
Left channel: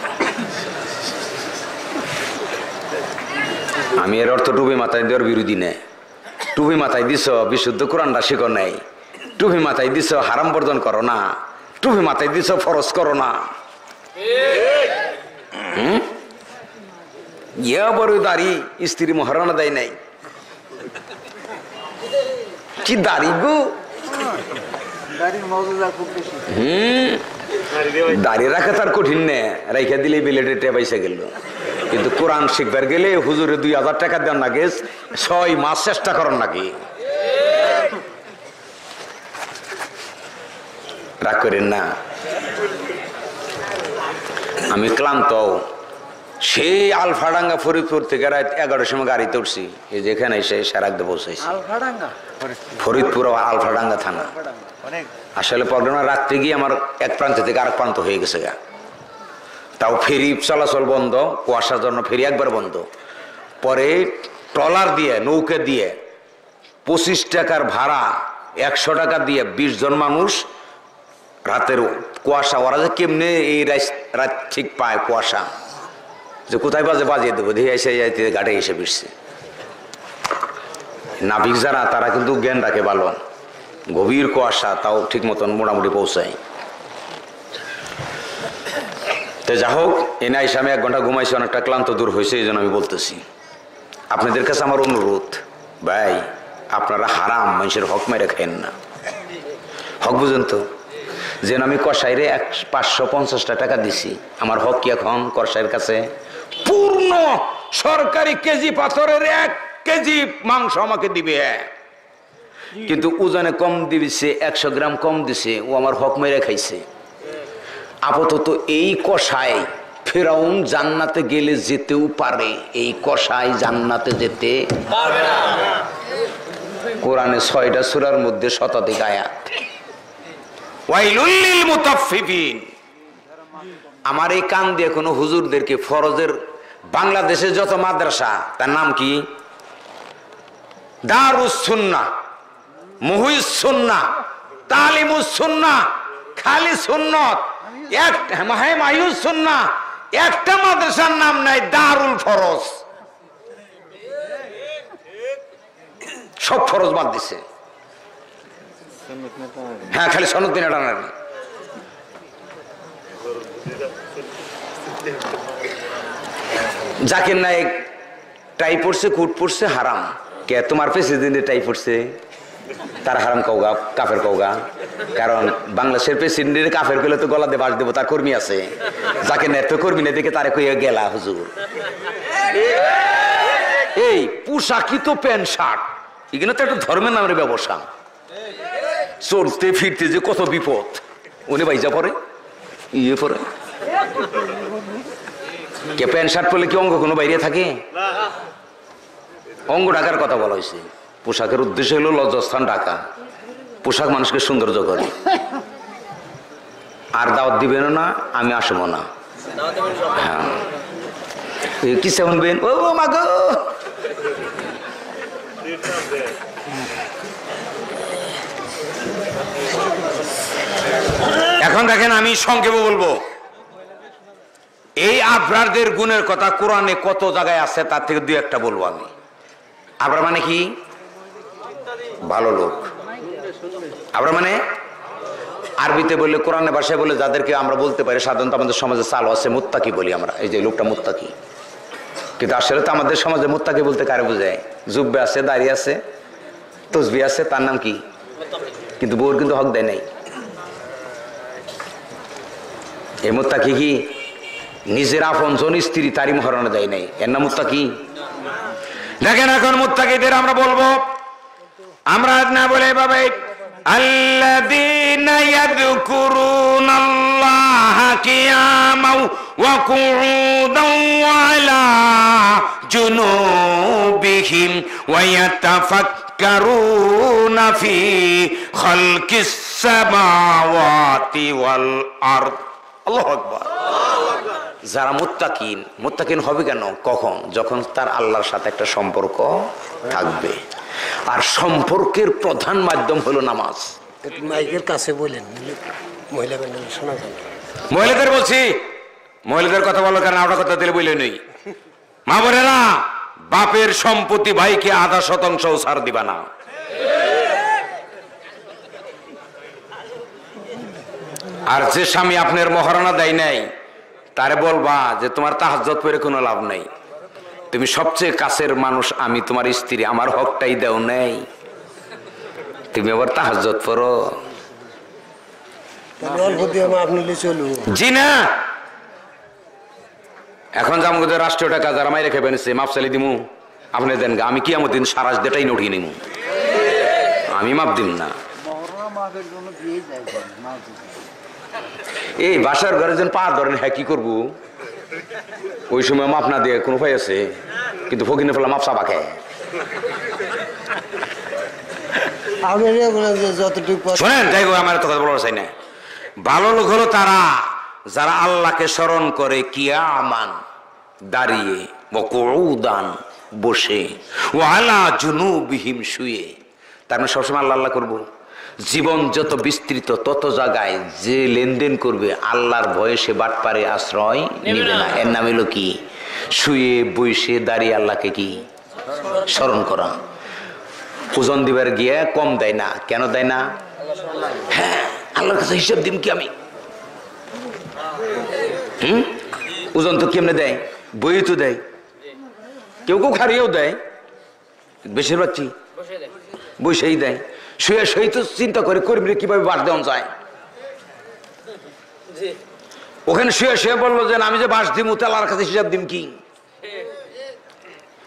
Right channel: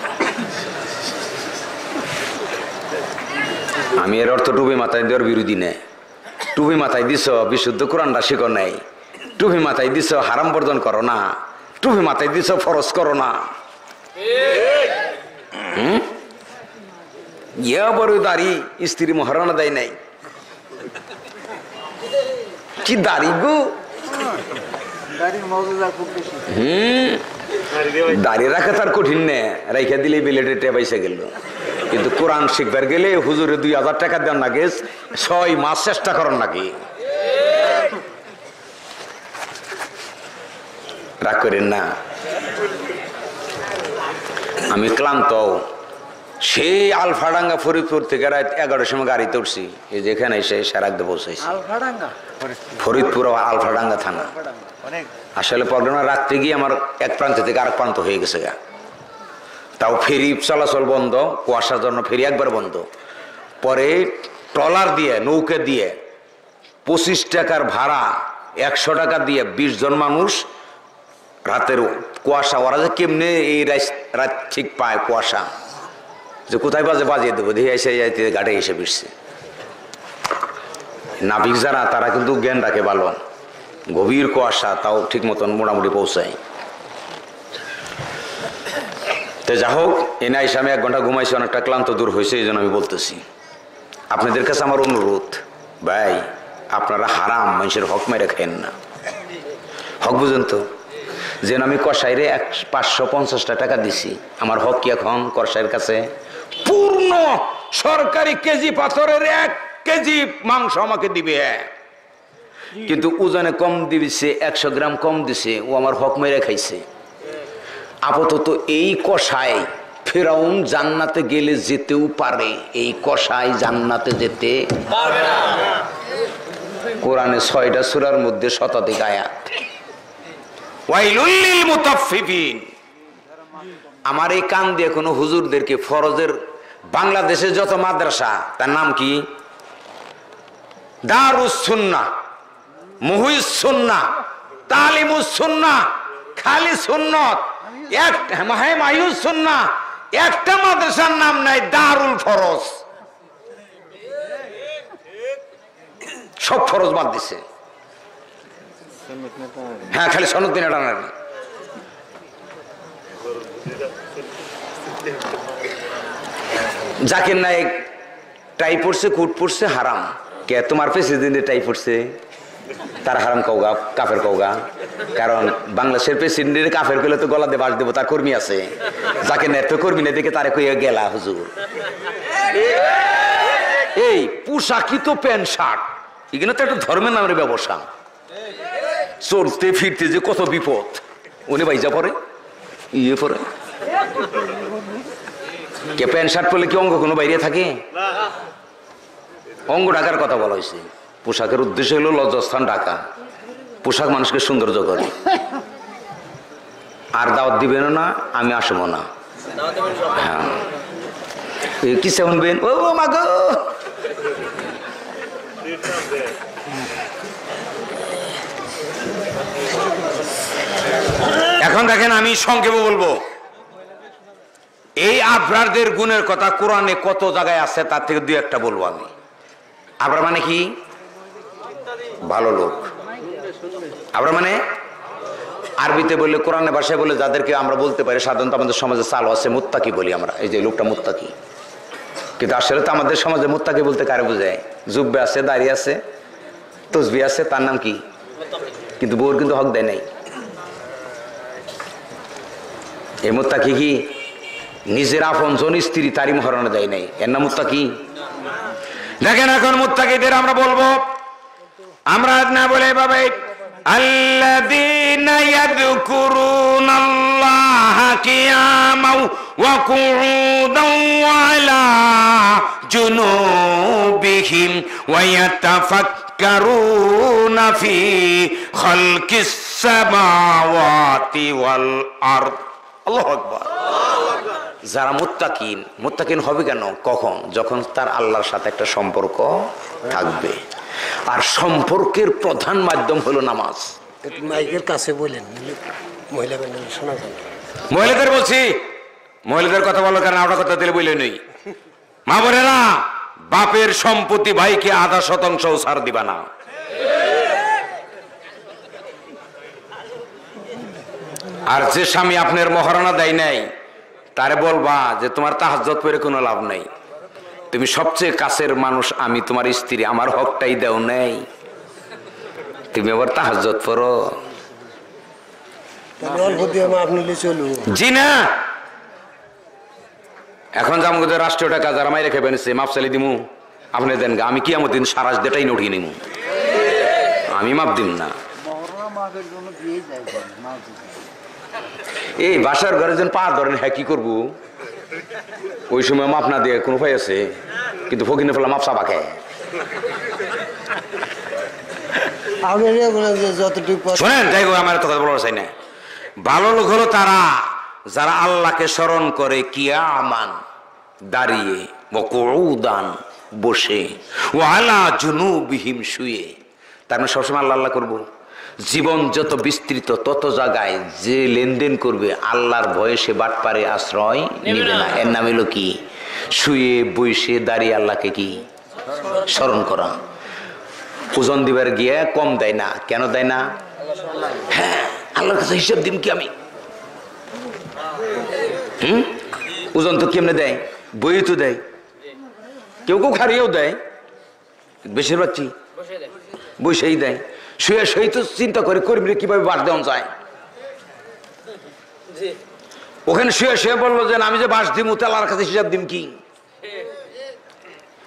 আমি এর অর্থ টুপি মাথায় দেওয়ার বিরোধী নেই। টুপি মাথায় দিছ বিশুদ্ধ কোরআনটা শিখো নাই, টুপি মাথায় দিছ হারাম বর্জন করো না, টুপি মাথায় দিছ ফরজ করো না। ইয়া বড় দাড়ি স্ত্রী মহারণা দেয় নাই, কি দাড়ি গো। দাড়ি রাখা তার কঠিন নে, রাইখা দিলে বিলেটে টেপাইসে গেল। কিন্তু কোরআন শিখবার গেলে হুজুরে 2000 টাকা দেন নাকি, 6 মাস চেষ্টা করেন নাকি। রাগ করেন না। আমি ক্লান্ত, সেই আলফাডাঙ্গা ফরিদপুর থেকে রাত 11টার সময় গাড়িতে উঠছি, এই যেখানে এসে সারাকতে পৌঁছাইছি। ফরিদপুর আলফাডাঙ্গা থানা। আসলে প্রবলেমটা রাত্রে গিয়ে আমার এক প্রান্ত থেকে আরেক প্রান্ত হয়ে গেছে গা। তাও ফেরি চলাচল বন্ধ, কুয়াশার জন্য ফেরি একবার বন্ধ। পরে ট্রলার দিয়ে, নৌকা দিয়ে 25 টাকার ভাড়া, 100 টাকা দিয়ে 20 জন মানুষ রাতের কুয়াশা, ওরা যে কেমনে এই রাত ঠিক পায় কুয়াশা, যে কোথায় বাজিয়ে দেবো দিয়ে এসে যাইতে ঘাটে এসে ফিরছে। নাবিক যারা তারা কিন্তু জ্ঞান রাখে ভালো, গভীর কুয়াশা তাও ঠিক মতন মোটামুটি পৌঁছায়। তো যা হোক, এনে এসে আমি 1 ঘন্টা ঘুমাইছি, অনেকটা ক্লান্ত দূর হয়েছে, এই জন্য আমি বলতেছি। আপনাদের কাছে আমার অনুরোধ, ভাই আপনারা হারাম মানুষের হক মেরে খাইন না। হক বুঝেন তো, যেন আমি কসাইরে 550 টাকা দিছি, আমার হক কি এখন কসাইয়ের কাছে? পূর্ণ সরকারি কেজি পাথরের 1 কেজি মাংস আমাকে দিবে, কিন্তু ওজনে কম দিছে, 100 গ্রাম কম দিছে, ও আমার হক মেরে খাইছে। আপাতত এই কসাই ফেরাউন জান্নাতে গেলে যেতেও পারে, এই কসাই জান্নাতে যেতে পারবে না। কোরআনে 6টা সূরার মধ্যে শতাধিক আয়াত। ওয়াইলুল লিল মুতাফফিফিন। আমার এই কান দিয়ে কোনো হুজুরদেরকে ফরজের, বাংলাদেশে যত মাদ্রাসা, তার নাম কি? দারুস সুন্নাহ, মুহিস সুন্নাহ, তালিমুস সুন্নাহ, খালি সুন্নত, মাহিউস সুন্নাহ, একটা মাদ্রাসার নাম নাই দারুল ফরজ। সব ফরজ বাদ দিছে। হ্যাঁ, খালি সনদ দিন টানা। জাকির নায়েক টাই পড়ছে, কুট পড়ছে, হারাম। কে তোমার প্রেসিডেন্টের টাই পড়ছে, তার হারাম কওগা, কাফের কওগা। কারণ বাংলাদেশের প্রেসিডেন্টের কাফের কইলে তো গলা দিয়ে বাস দেবো, তার কর্মী আছে। জাকির নায়েক তো কর্মী না, দেখে তারে কইয়া গেলা হুজুর। এই পোশাকই তো প্যান্ট শার্ট, এখানে তো একটা ধর্মের নামের ব্যবসা। চলতে ফিরতে যে কত বিপদ, উনি বাইজা পরে ইয়ে পরে। কে প্যান্ট শার্ট পরলে কি অঙ্গ কোনো বাইরে থাকে? অঙ্গ ঢাকার কথা বলা হয়েছে। পোশাকের উদ্দেশ্য হলো লজ্জাস্থান ঢাকা। পোশাক মানুষকে সৌন্দর্য করে। আর দাওয়াত দিবেন না, আমি আসবো না। হ্যাঁ, কি শুনবেন? ও মা গো, এখন দেখেন আমি সংক্ষেপে বলবো। এই আবরারদের গুণের কথা কোরআনে কত জায়গায় আছে, তার থেকে 2-1টা বলবো আমি। আবরার মানে কি? ভালো লোক। আবরার মানে আরবিতে বললে, কোরআনের ভাষায় বলে, যাদেরকে আমরা বলতে পারি সাধারণত আমাদের সমাজে চালু আছে মুত্তাকি বলি আমরা, এই যে লোকটা মুত্তাকি। কিন্তু আসলে তো আমাদের সমাজে মুত্তাকি বলতে কারে বোঝায়? জুব্বে আছে, দাড়ি আছে, তসবি আছে, তার নাম কি? কিন্তু বউর কিন্তু হক দেয় নাই। এই মুত্তাকি কি নিজের আপন জন স্ত্রী তারই মহারণা দেয় নাই, এর নাম মুত্তাকি? দেখেন এখন মুত্তাকিদের আমরা বলবো, আমরা না বলে এভাবে, الذين يذكرون الله قياما وقعودا وعلى جنوبهم ويتفكرون في خلق السماوات والأرض الله أكبر। যারা মুত্তাকিন হবে কেন? কখন? যখন তার আল্লাহর সাথে একটা সম্পর্ক থাকবে। আর সম্পর্কের প্রধান মাধ্যম হলো নামাজ। মাইকের কাছে বলেন, মহিলা ব্যান্ডেল শোনা যায়। মহিলাদের বলছি, মহিলাদের কথা বলার কারণে ওটা কথা দিলে বলে নই। মা বোনেরা, বাপের সম্পত্তি ভাইকে 0.5% ছাড় দিবা না। আর যে স্বামী আপনার মহারণা দেয় নাই, তারে বলবা যে তোমার তাহাজ্জুদ পড়ে কোনো লাভ নাই, তুমি সবচেয়ে কাছের মানুষ, আমি তোমার স্ত্রী, আমার হকটাই দেও নাই, তুমি আবার তাহাজ্জুদ পড়ো। অল্প দিয়ে মাপ নিলে চলবো? জি না। এখন জামগদের রাষ্ট্রীয় টাকা যারা মাই রেখে বেনেছে, মাপ চালি দিমু, আপনি দেন গা, আমি কিয়ামত দিন সারাস দেটাই নড়িয়ে নিমু, আমি মাপ দিম না। এই বাসার ঘরে যেন পা ধরেন, হ্যাঁ কি করবো? ওই সময় মাপ না দিয়ে কোনো উপায় আছে? কিন্তু ফকিনে ফেলা মাপ চাপা খায়। শোনেন, যাই হোক, আমার তো কথা বলার চাই না। ভালো লোক হলো তারা যারা আল্লাহকে স্মরণ করে কিয়ামান দাঁড়িয়ে, ওয়াকুউদান বসে, ওয়া আলা জুনুবিহিম শুয়ে। তার মানে সবসময় আল্লাহ আল্লাহ করবো। জীবন যত বিস্তৃত তত জায়গায় যে লেনদেন করবে আল্লাহর ভয়ে সে বাটপারে আশ্রয় নিবে না। এর নাম হলো কি? শুয়ে বসে দাঁড়িয়ে আল্লাহকে কি স্মরণ করা। ওজন দিবার গিয়ে কম দেয় না। কেন দেয় না? হ্যাঁ, আল্লাহর কাছে হিসাব দিন কি আমি? ওজন তো কেমনে দেয়? বই তো দেয়, কেউ কেউ খারিয়েও দেয়, বেশিরভাগ কি বসেই দেয়। শুয়ে শুয়ে তো চিন্তা করে কর্মীরা কিভাবে বাস দেওয়া যায়। ওখানে শুয়ে শুয়ে বললো যে আমি যে বাস দিমু, আল্লাহর কাছে হিসাব দিম কি?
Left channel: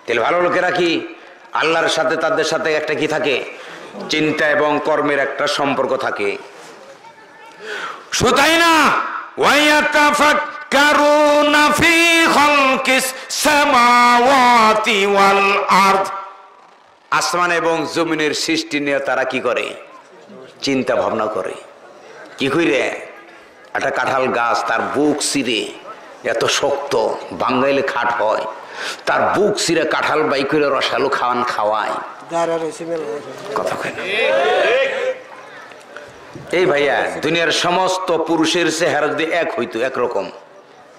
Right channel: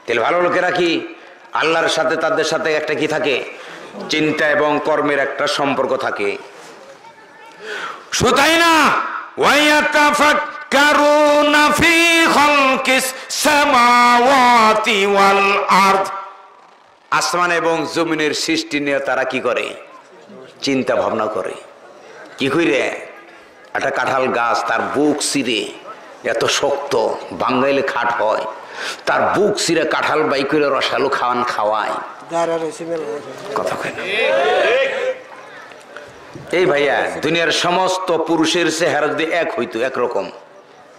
তাহলে ভালো লোকেরা কি আল্লাহর সাথে, তাদের সাথে একটা কি থাকে? চিন্তা এবং কর্মের একটা সম্পর্ক থাকে। শুধুই না, ওয়ায়াতাফাক্কারুনা ফি খালকিস সামাওয়াতি ওয়াল আরদ, আসমান এবং জমিনের সৃষ্টি নিয়ে তারা কি করে? চিন্তা ভাবনা করে। কি কইরে? একটা কাঁঠাল গাছ, তার বুক চিরে, এত শক্ত, বাঙ্গাইলে খাট হয়, তার বুক চিরে কাঁঠাল বাই করে রসালো খাওয়ায়। কথা কয় না? এই ভাইয়া, দুনিয়ার সমস্ত পুরুষের চেহারা যদি এক হইতো, একরকম,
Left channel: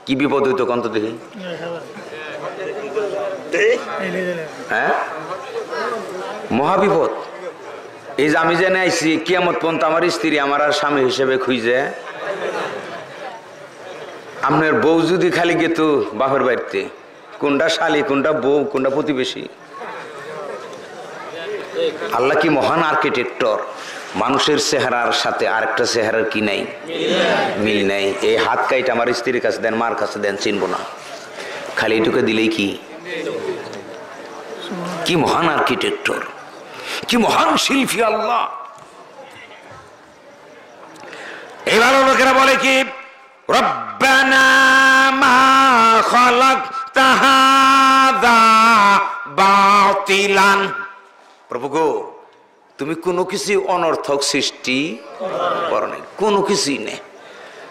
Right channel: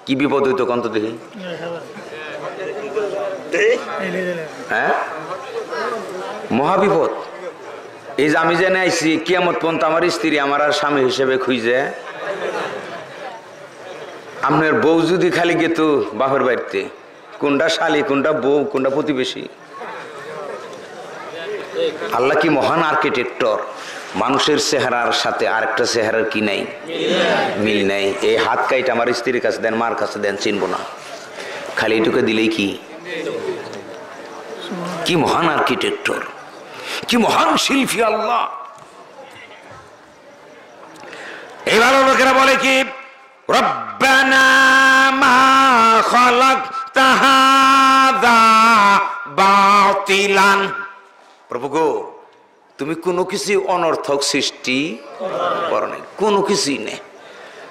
কি বিপদ হইতো কন্ত দেখি? হ্যাঁ, মহাবিপদ। এই যে আমি জেনে আইছি, কিয়ামত পর্যন্ত আমার স্ত্রী আমার আর স্বামী হিসেবে খুঁজে। আপনার বউ যদি খালি গেত বাপের বাড়িতে, কোনটা শালি, কোনটা বউ, কোনটা প্রতিবেশী। আল্লাহ কি মহান আর্কিটেক্টর! মানুষের চেহারার সাথে আরেকটা চেহারার কি নাই? মিল নাই। এই হাত কাইটা আমার স্ত্রীর কাছে দেন, মার কাছে দেন, চিনবো না। খালি এটুকু দিলেই কি? কি মহান আর্কিটেক্টর, কি মহান শিল্পী আল্লাহ! এই ভালো লোকেরা বলে কি, রব্বানা মা খালাকতা হাযা বাতিলান, প্রভু গো, তুমি কোনো কিছু অনর্থক সৃষ্টি করো নাই, কোনো কিছুই নেই।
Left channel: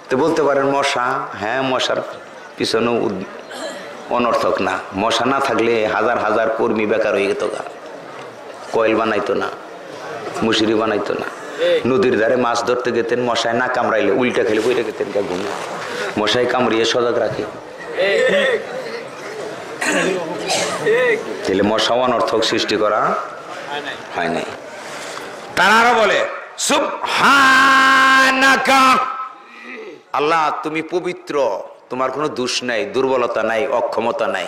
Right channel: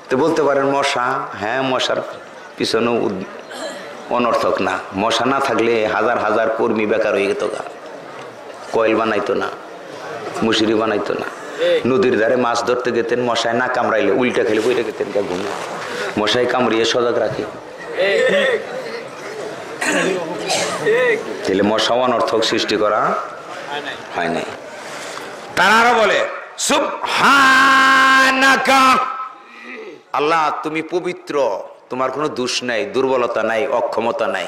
তো বলতে পারেন মশা, হ্যাঁ, মশার পিছনে অনর্থক না। মশা না থাকলে হাজার হাজার কর্মী বেকার হয়ে যেত গা, কয়েল বানাইতো না, মুসুরি বানাইতো না। নদীর ধারে মাছ ধরতে গেতেন, মশায় না কামড়াইলে উল্টা খেলে বইটা গেতেন গা ঘুমিয়ে। মশাই কামড়িয়ে সজাগ রাখে। তাহলে মশা অনর্থক সৃষ্টি করা হয় নাই। তারা আরো বলে সুবহান সুবহানাকা, আল্লাহ তুমি পবিত্র, তোমার কোনো দোষ নাই, দুর্বলতা নাই, অক্ষমতা নাই।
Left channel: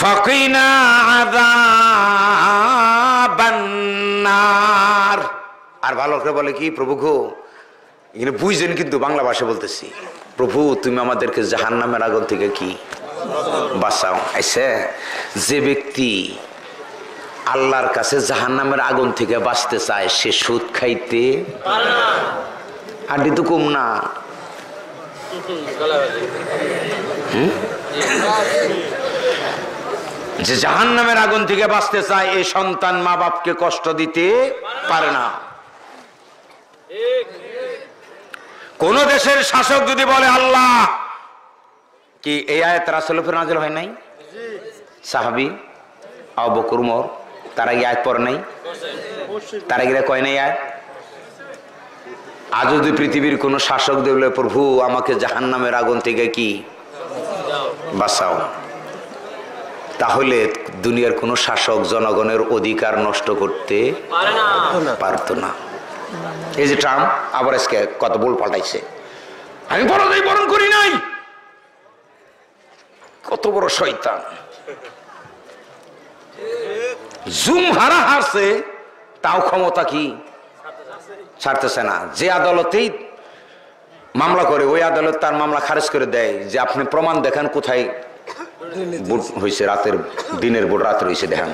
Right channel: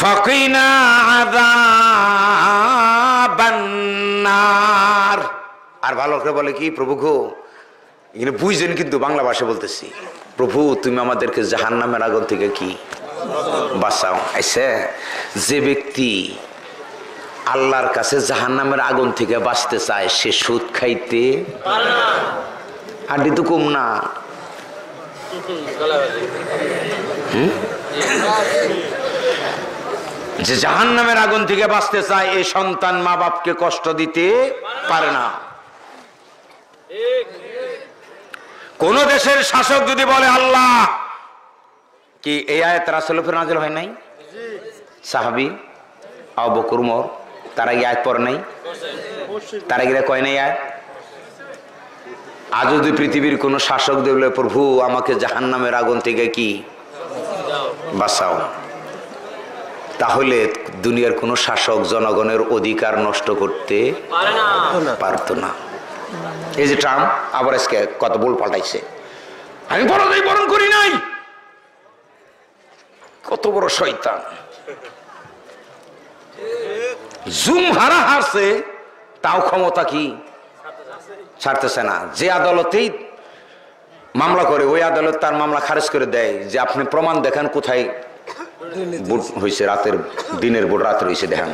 ফাকিনা আযাবান নার, আর ভালো করে বলে কি, প্রভু গো, এখানে বুঝছেন কিন্তু বাংলা ভাষা বলতেছি, প্রভু তুমি আমাদেরকে জাহান্নামের আগুন থেকে কি বাঁচাও। আইসে যে ব্যক্তি আল্লাহর কাছে জাহান্নামের আগুন থেকে বাঁচতে চায় সে সুদ খাইতে আড্ডি তো কম না। যে জাহান্নামের আগুন থেকে বাঁচতে চায় এই সন্তান মা বাপকে কষ্ট দিতে পারে না। কোন দেশের শাসক যদি বলে আল্লাহ, কি এই আয়াত রাসূলের উপর নাযিল হয় নাই? সাহাবী আবু বকর উমর তারা এই আয়াত পড়ে নাই? তারা গিয়ে কয় নাই আয়াত? আজ যদি পৃথিবীর কোন শাসক দেখলে প্রভু আমাকে জাহান্নামের আগুন থেকে কি বাঁচাও, তাহলে দুনিয়ার কোন শাসক জনগণের অধিকার নষ্ট করতে পারতো না। এই যে ট্রাম্প আবার আজকে কত বল পাল্টাইছে, আমি পরাজয় বরণ করি নাই, কত বড় শয়তান। জুম হারা হারছে, তাও ক্ষমতা কি ছাড়তেছে না। যে আদালতেই মামলা করে ওই আদালত তার মামলা খারিজ করে দেয় যে আপনি প্রমাণ দেখান কোথায় ভোট হয়েছে, রাতের দিনের ভোট রাতে হয়েছে দেখান,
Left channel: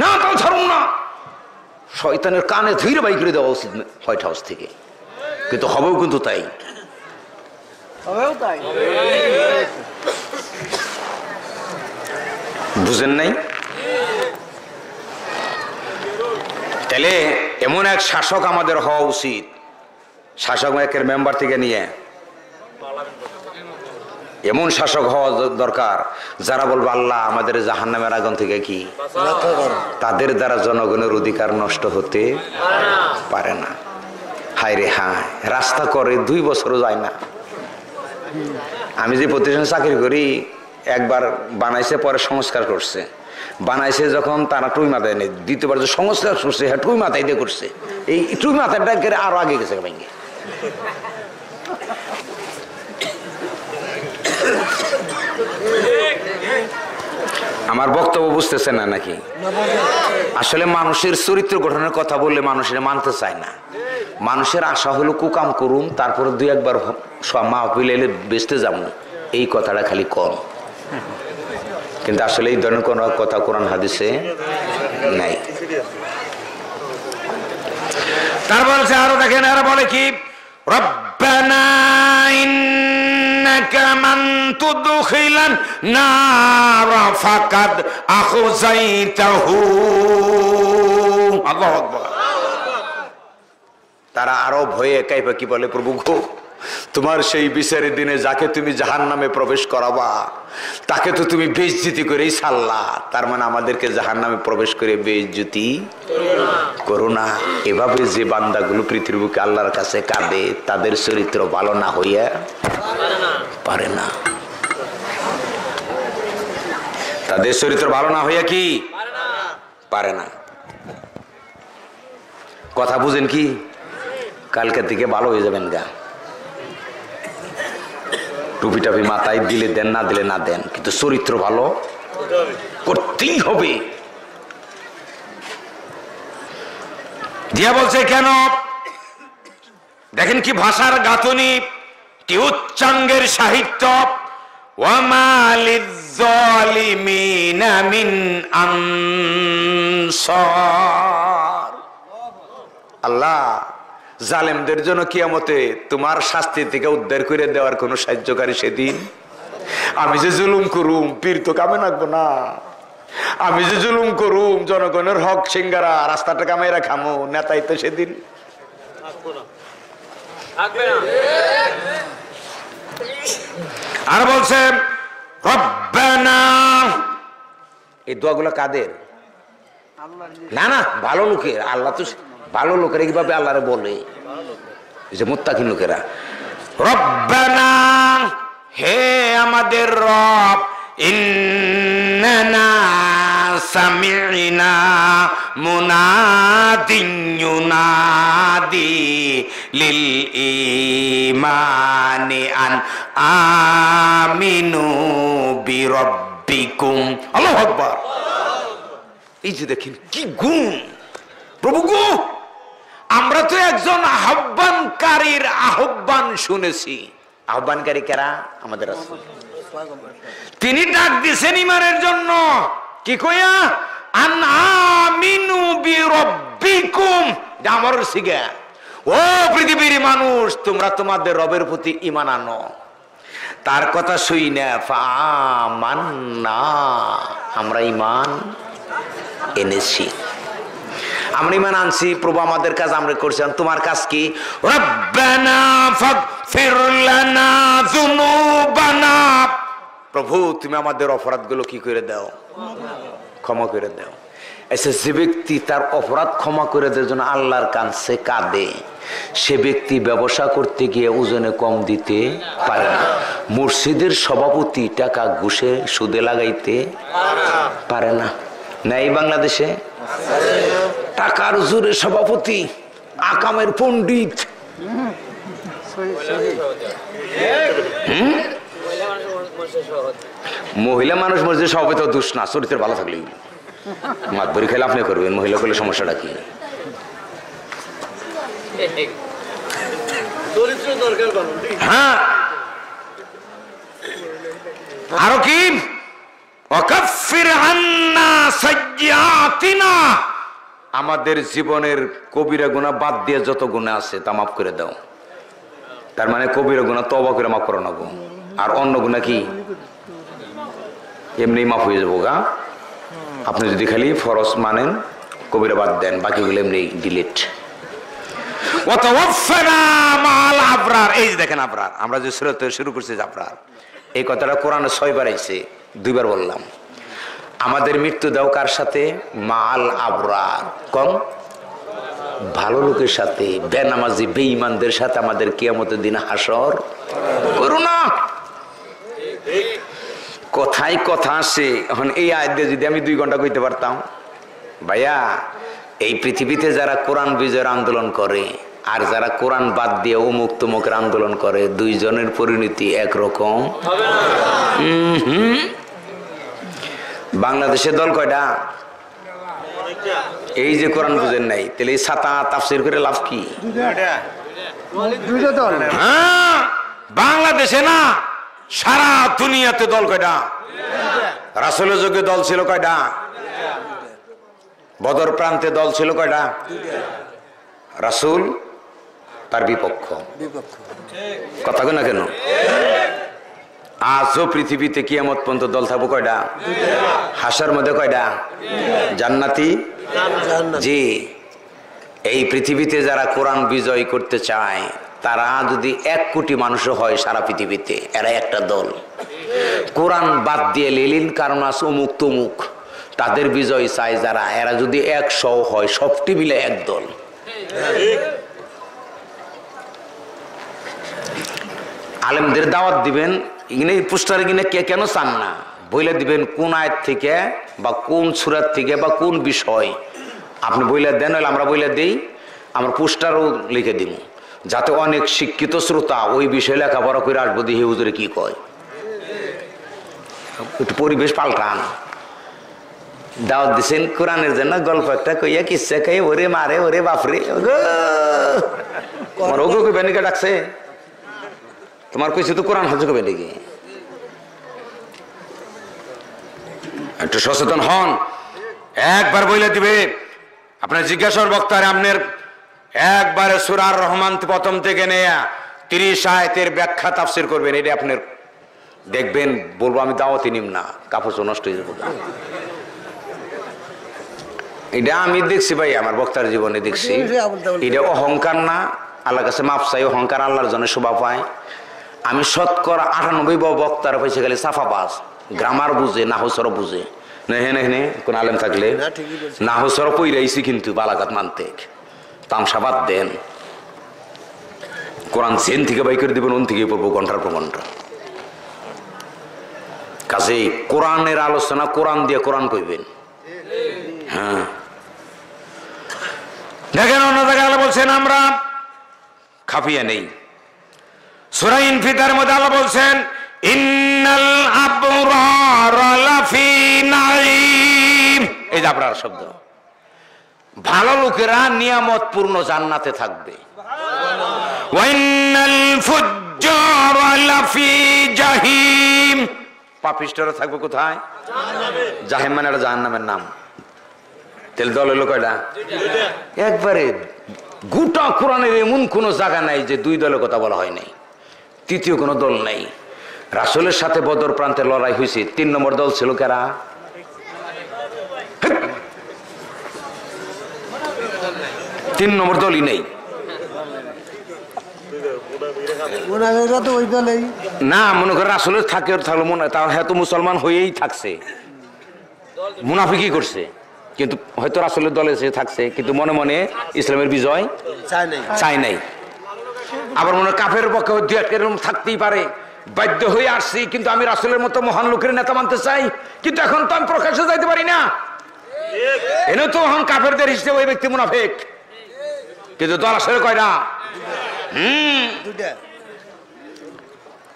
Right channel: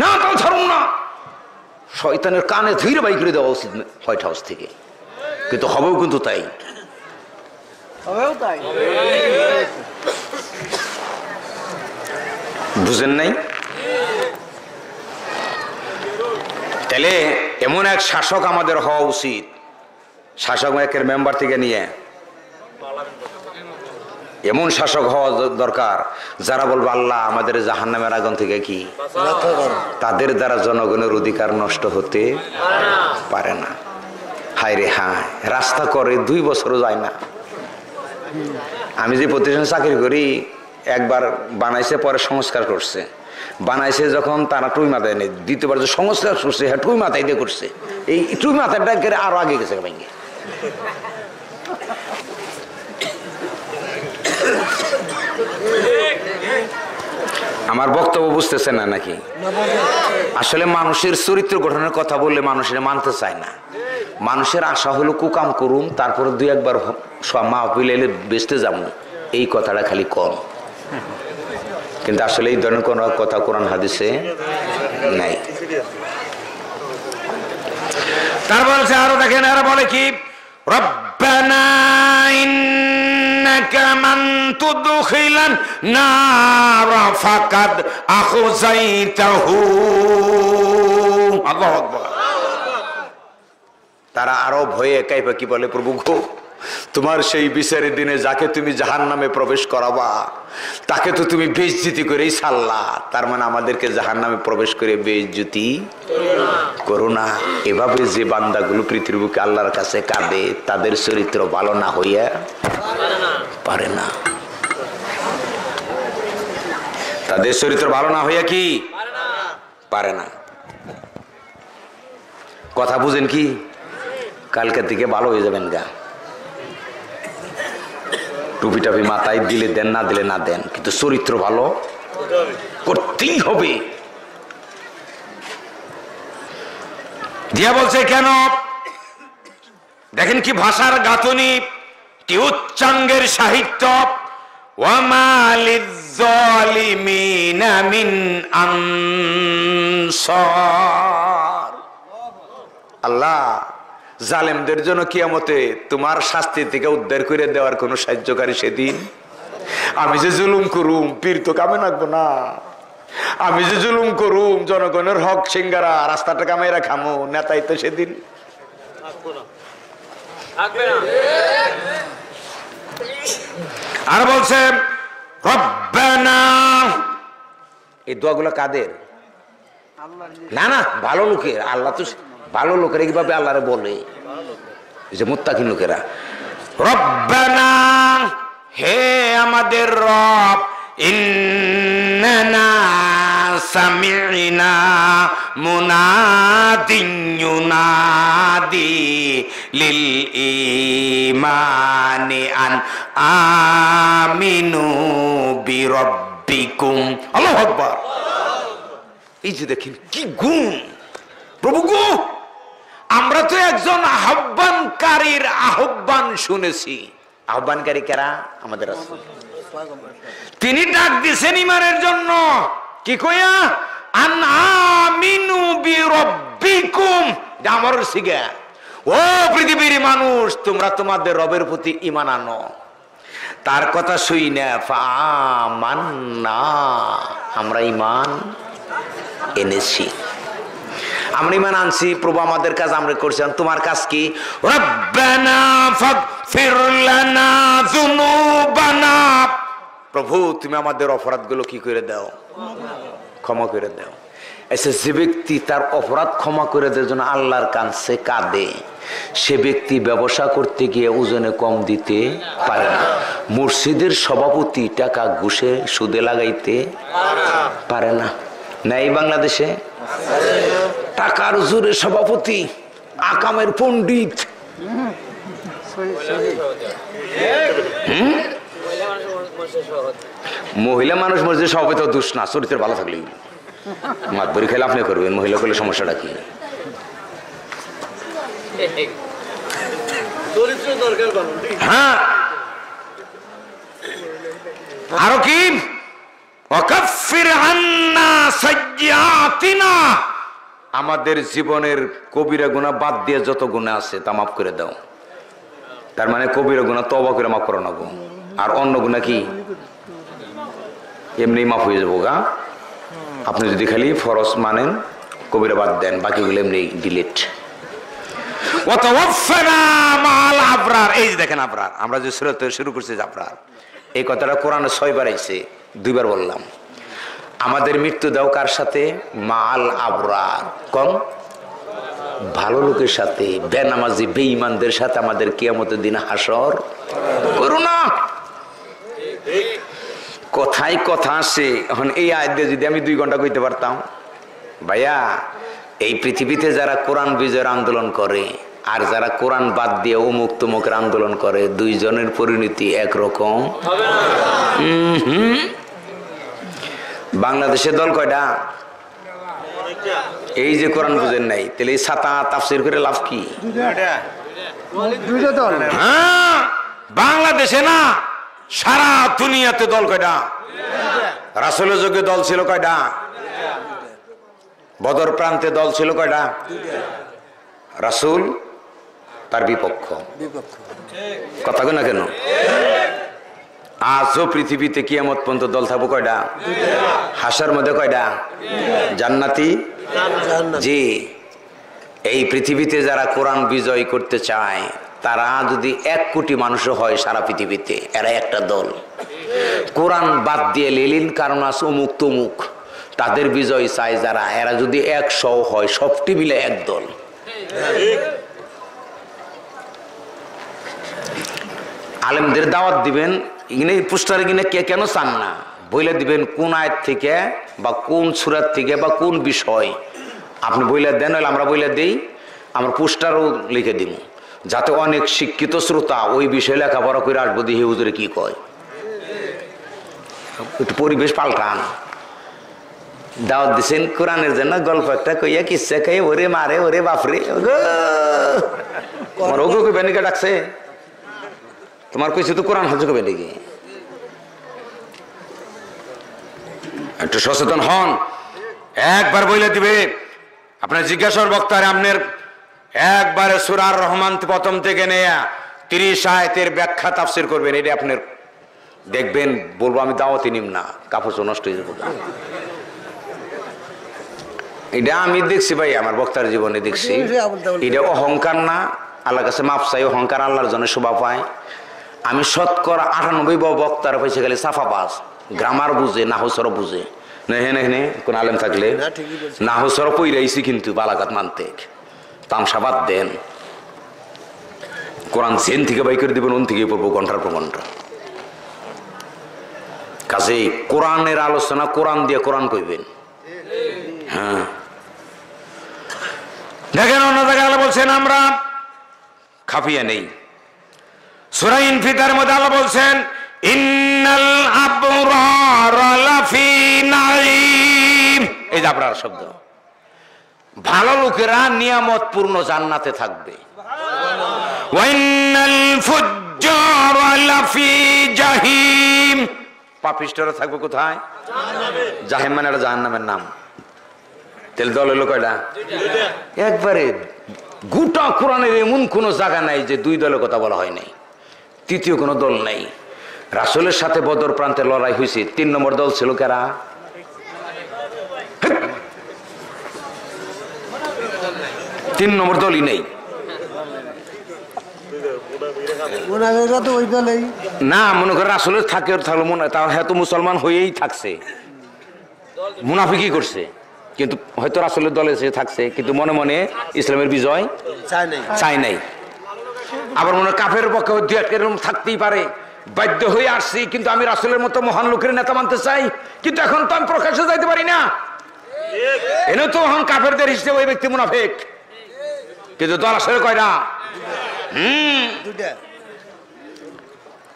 না তাও ছাড়ুন না। শয়তানের কানে ধীরে বাই করে দেওয়া উচিত হোয়াইট হাউস থেকে, কিন্তু হবেও কিন্তু তাই। বুঝেন নাই? তাহলে এমন এক শাসক আমাদের হওয়া উচিত, শাসক একের মেম্বার থেকে নিয়ে এমন শাসক হওয়া দরকার যারা বলবে আল্লাহ আমাদের জাহান্নামের আগুন থেকে কি, তাদের দ্বারা জনগণের অধিকার নষ্ট হতে পারে না। হায় রে হায়, রাস্তা করে 2 বছরও যায় না। আমি যে প্রতিষ্ঠানে চাকরি করি, একবার বানাইছে পরে সংস্কার করছে, বানাইছে যখন তারা টুই মাথায় নেই, দ্বিতীয়বার যে সংস্কার করছে হ্যাঁ টুই মাথায় দিয়ে করছে, এই টুই মাথাটা আরো আগে গেছে ভেঙে। আমার বক্তব্য বুঝতেছে না নাকি? আসলে মানুষের চরিত্র গঠনের কথা বললে মানুষের মানতে চায় না। মানুষের আশা হলো কুকাম করুম, তারপরে 2-1 বার মা পিলে বেচতে যাবো, এই কথাটা খালি কম। কিন্তু আসলে এই ধরনের কোন কথা কোরআন হাদিসে নাই। তারপর আরো দেখেন, আরো বলে কি, রব্বানা ইন্নাকা মান তুদখিলান নার ফাকাদ আখযাইতাহু। আল্লাহু আকবার। তারা আরো ভয়ে কাইপা কি বলে, প্রভু গো তোমার সেই বিচারের দিনে যাকে তুমি জাহান্নামে প্রবেশ করাবা তাকে তো তুমি বেইজ্জতি করেই ছাড়লা, তার মানে আমাদেরকে জাহান্নামে প্রবেশ করে বেইজ্জতি করো না। এভাবে যে বান্দাগুলো পৃথিবীর বুকে আল্লাহর কাছে কাঁদে তাদের চরিত্র ভালো না হইয়া পারে না। তাদের চরিত্র ভালো না হইয়া কি পারে না। কথা বুঝেন কি? কালকে থেকে ভালো হয়ে যাবেন গা। টুপি টাপি মাথায় দিলে দেন, না দিলে না দেন, কিন্তু চরিত্র ভালো করতেই হবে। দিয়া বলছে কেন? দেখেন কি ভাষার গাঁথনি, কি উচ্চাঙ্গের সাহিত্য। ওয়ামা লিয-যালিমিনা মিন আনসার। আল্লাহ জালেমদের জন্য কিয়ামতে তোমার শাস্তি থেকে উদ্ধার করে দেওয়ার কোন সাহায্যকারী সেদিন। আমি যে জুলুম করুম পীর তো কামে রাখবো না, আমি যে জুলুম করুম জনগণের হক সিঙ্গারা রাস্তাটা কামাইরা খামো, নেতাই তো সেদিন আর বলছে রব্বানা। এই দোয়াগুলো কাদের? না না ভালো লোকের। আল্লাহ তো ভালো লোকেরা কিভাবে আল্লাহরে বলে, যে মুত্তাকিন লোকেরা। রব্বানা, হে আমাদের রব, ইন্নানা সামি'না মুনাদিন ইউনাদি লিল ঈমানি আন আমিনু বিরাব্বিকুম। আল্লাহু আকবার। এই যে দেখেন কি গুণ প্রভু গো, আমরা তো একজন আহ্বানকারীর আহ্বান শুনেছি। আহ্বানকারী কারা? আমাদের রাসূল। তিনি ডাক দিয়েছেন ইমানের জন্য, কি কইয়া? আন আমিনু বিরাব্বিকুম, আমার সিগা ও পৃথিবীর মানুষ, তোমরা তোমাদের রবের প্রতি ঈমান আনো। তার কথা শুই না ফামান্না, আমরা ঈমান এনেছি, আমরা ঈমান আনছি। প্রভু আমাদের কাজ আমরা করছি, তোমার কাজ কি? রব্বানা ফাগফির লানা যুনুবানা, প্রভু তুমি আমাদের অপরাধগুলো কি করে দাও? ক্ষমা করে দাও। এসে যে ব্যক্তি তার অপরাধ ক্ষমা করে দেওয়ার জন্য আল্লাহর কাছে কাঁদে, সে ব্যক্তি ব্যবসা করতে গিয়ে ওজনে কম দিতে পারে না। মসজিদের সভাপতি টাকা ঘুষে সুদে লাগাইতে পারে না। নাই বাংলাদেশে টাকার জোরে সভাপতি, আকামের পণ্ডিত। মহিলা মানুষ মসজিদের সভাপতি দোষ না, চরিত্র ভালো থাকলে মাতবরি খেলে আপনি করবেন, মহিলা করলে সমস্যাটা কি? হ্যাঁ, আরো কি? ওয়াকাফির আন্না সাইয়্যাতিনা, আমাদের জীবনের কবিরা গুনাহ বাদ দিয়ে যত গুনাহ আছে তা মাফ করে দাও। তার মানে কবিরা গুনাহ তওবা করে মাফ করো না গো, আর অন্য গুনাহ কি এমনি মাফ হয়ে যাবো গা। আপনি যদি খালি ফরজ মানেন, কবিরা বাদ দেন, বাকিগুলো এমনি ডিলিট। ওয়াতাওয়াফানা মাল আবরার, এই যে দেখেন আবরার, আমরা যে সূরা শুরু করছি আবরার, এই কথাটা কোরআনে 6 বার আইছে, 2 বার বললাম। আমাদের মৃত্যু দাও কার সাথে? মাল আবরার, কম ভালো লোকের সাথে, বেনামাজি বেঈমানদের সাথে আমাদের কিয়ামতের দিন হাসর করো না। কথাই কথা আসে। এখন এই আয়াত দিয়ে যদি আমি 2 ঘন্টা কইতে পারতাম, ভাইয়া এই পৃথিবীতে যারা কোরআন বিজয়ের আন্দোলন করে আর যারা কোরআন বাদ দিয়ে অমুক তমুকের আন্দোলন করে, 2 জনের পরিণতি একরকম হবে না। বাংলাদেশের দল কয়টা? এই যে কোরআন বুঝেন নাই, তাহলে এই ছাতা তাফসীর করে লাভ কি? হ্যাঁ, বাংলাদেশে না, সারা দুনিয়াতে দল কয়টা? রাসূলের যুগে দল ছিল কয়টা? বদর প্রান্তে দল ছিল কয়টা? রাসূল তার বিপক্ষ, কথা কই না কেন? আজও পৃথিবীতে কিয়ামত পর্যন্ত দল থাকবো কয়টা? হাসার মধ্যে কয়টা? জান্নাতি। জি, এই পৃথিবীতে যারা কোরআন বিজয় করতে চায়, তারা যদি 1 কোটি মানুষ হয় সারা পৃথিবীতে, এরা একটা দল। কোরআন বাদ দিয়ে লেলিন কারনাস অমুক তমুক তাদের বিজয় চায় যারা, এরা যদি 100 হয়, সবটি মিলে এক দল। আলেমদের দাওয়াত দিবেন, ইগনে পোস্টারে কিনে কে কেন চান না বইলে দিবেন, কোন আয়াত থেকে বা কোন সূরা থেকে বা কোন বিষয় আপনি বইলে দেন, হলে আমরা বইলে দেই, আমরা পোস্টারও লিখে দিব, যাতে অনেক শিক্ষিত শ্রোতা ওই বিষয়ে লেখাপড়া করে আসবো, দিয়ে হুজুরে কি কয়। একটু পরিবেশ পাল্টান। দাওয়াত দিচ্ছেন কোরআনের জন্য, গল্প একটা কইয়া কিচ্ছা খাই, ওরে মারে ওরে বাপরে, তোমার ওগো কইবে নাকি ডাকছে? তোমার কইছে তো কোরআন হাজু কবে নাকি? একটু সচেতন হন। একবার বইলে দিবে, আপনার জিজ্ঞাসার বক্তারে আপনার একবারে সূরা আর রহমান প্রথম থেকে নেয়া 30 আয়াতের ব্যাখ্যা তাফসীর করবেন, এটা আপনার দেখবেন, বলবো আমি দাওয়াতি নিম না, কাপড় নষ্ট হয়ে যাবো। এটা আমি দেখছি ভাই, আমার বক্তার জীবনে দেখছি। এটা অহংকার না, আল্লাহর কাছে মাপ চাই। অহংকার আল্লাহর জন্য শোভা পায়। আমি শতকরা 98 বক্তার পয়সা গেলে সাফাবাজ, গ্রামার বুঝে, নাহসর বুঝে। নেহে কোন আলেম থাকলে নাহসর পইরাইছি, কিন্তু বালাঘাট মানতে তামসাবাদ দেন। কোরআন জেন থেকে বাই করে দিবেন, ওন থেকে পড়বো ঘন্টার পর ঘন্টা। কাজেই কোরআনের আলোচনা কোরআন দিয়ে কোরআন কইবেন। হ্যাঁ, দেখেন অন্য জায়গায় আল্লাহ বলছেন আমরা খাপিয়ে নেই। সূরা ইনফিতারের মধ্যে আল্লাহ বলছেন ইন্নাল আবরারা লাফি নাঈম, এই যে আবরার শব্দ, ভালো লোকেরা নিয়ামতপূর্ণ জান্নাতে থাকবে। ওয়া ইন্নাল ফুজ্জারা লাফি জাহিম, পাপিষ্ঠরা থাকবে কোথায়? জাহিম মানে এটা জাহান্নামের নাম। তাহলে দল হলো কয়টা? একবারে গোটা কোরআনের এমন কোন জায়গা নাই যে দুই দলের কথা বলা হয় নাই, তৃতীয় কোনো দল নাই। রাসূলের সাথে বদর প্রান্তে লড়াই হয়েছে, 3 নম্বর দল ছিল কারা? 3 নম্বর দলই নেই। না মনে করে রাসূলের থাকে থাকলো মনে হয়, তার হ্যাঁ তো মুসলমান হয়েই থাকছে, মুনাফিকই করছে, কিন্তু হয়তো রাসূলের দলে সে থাকছে, কিন্তু মনে মনে ইসলামের বিজয় চাই নাই। আবার মনে কাফের পক্ষে দুই একটা থাকতেই পারে, বাধ্য হয়ে আসছি, কিন্তু আমি রাসূলের মতো মহান লোকের নেতা মানতে চাই, কিন্তু এখন তো আমি প্রকাশ্যে যাইতে পারি না, এনে তো এখন কাফেরদের হিসেবে ওই ব্যক্তি মুনাফিক। কিন্তু দল আসলে কয়টা?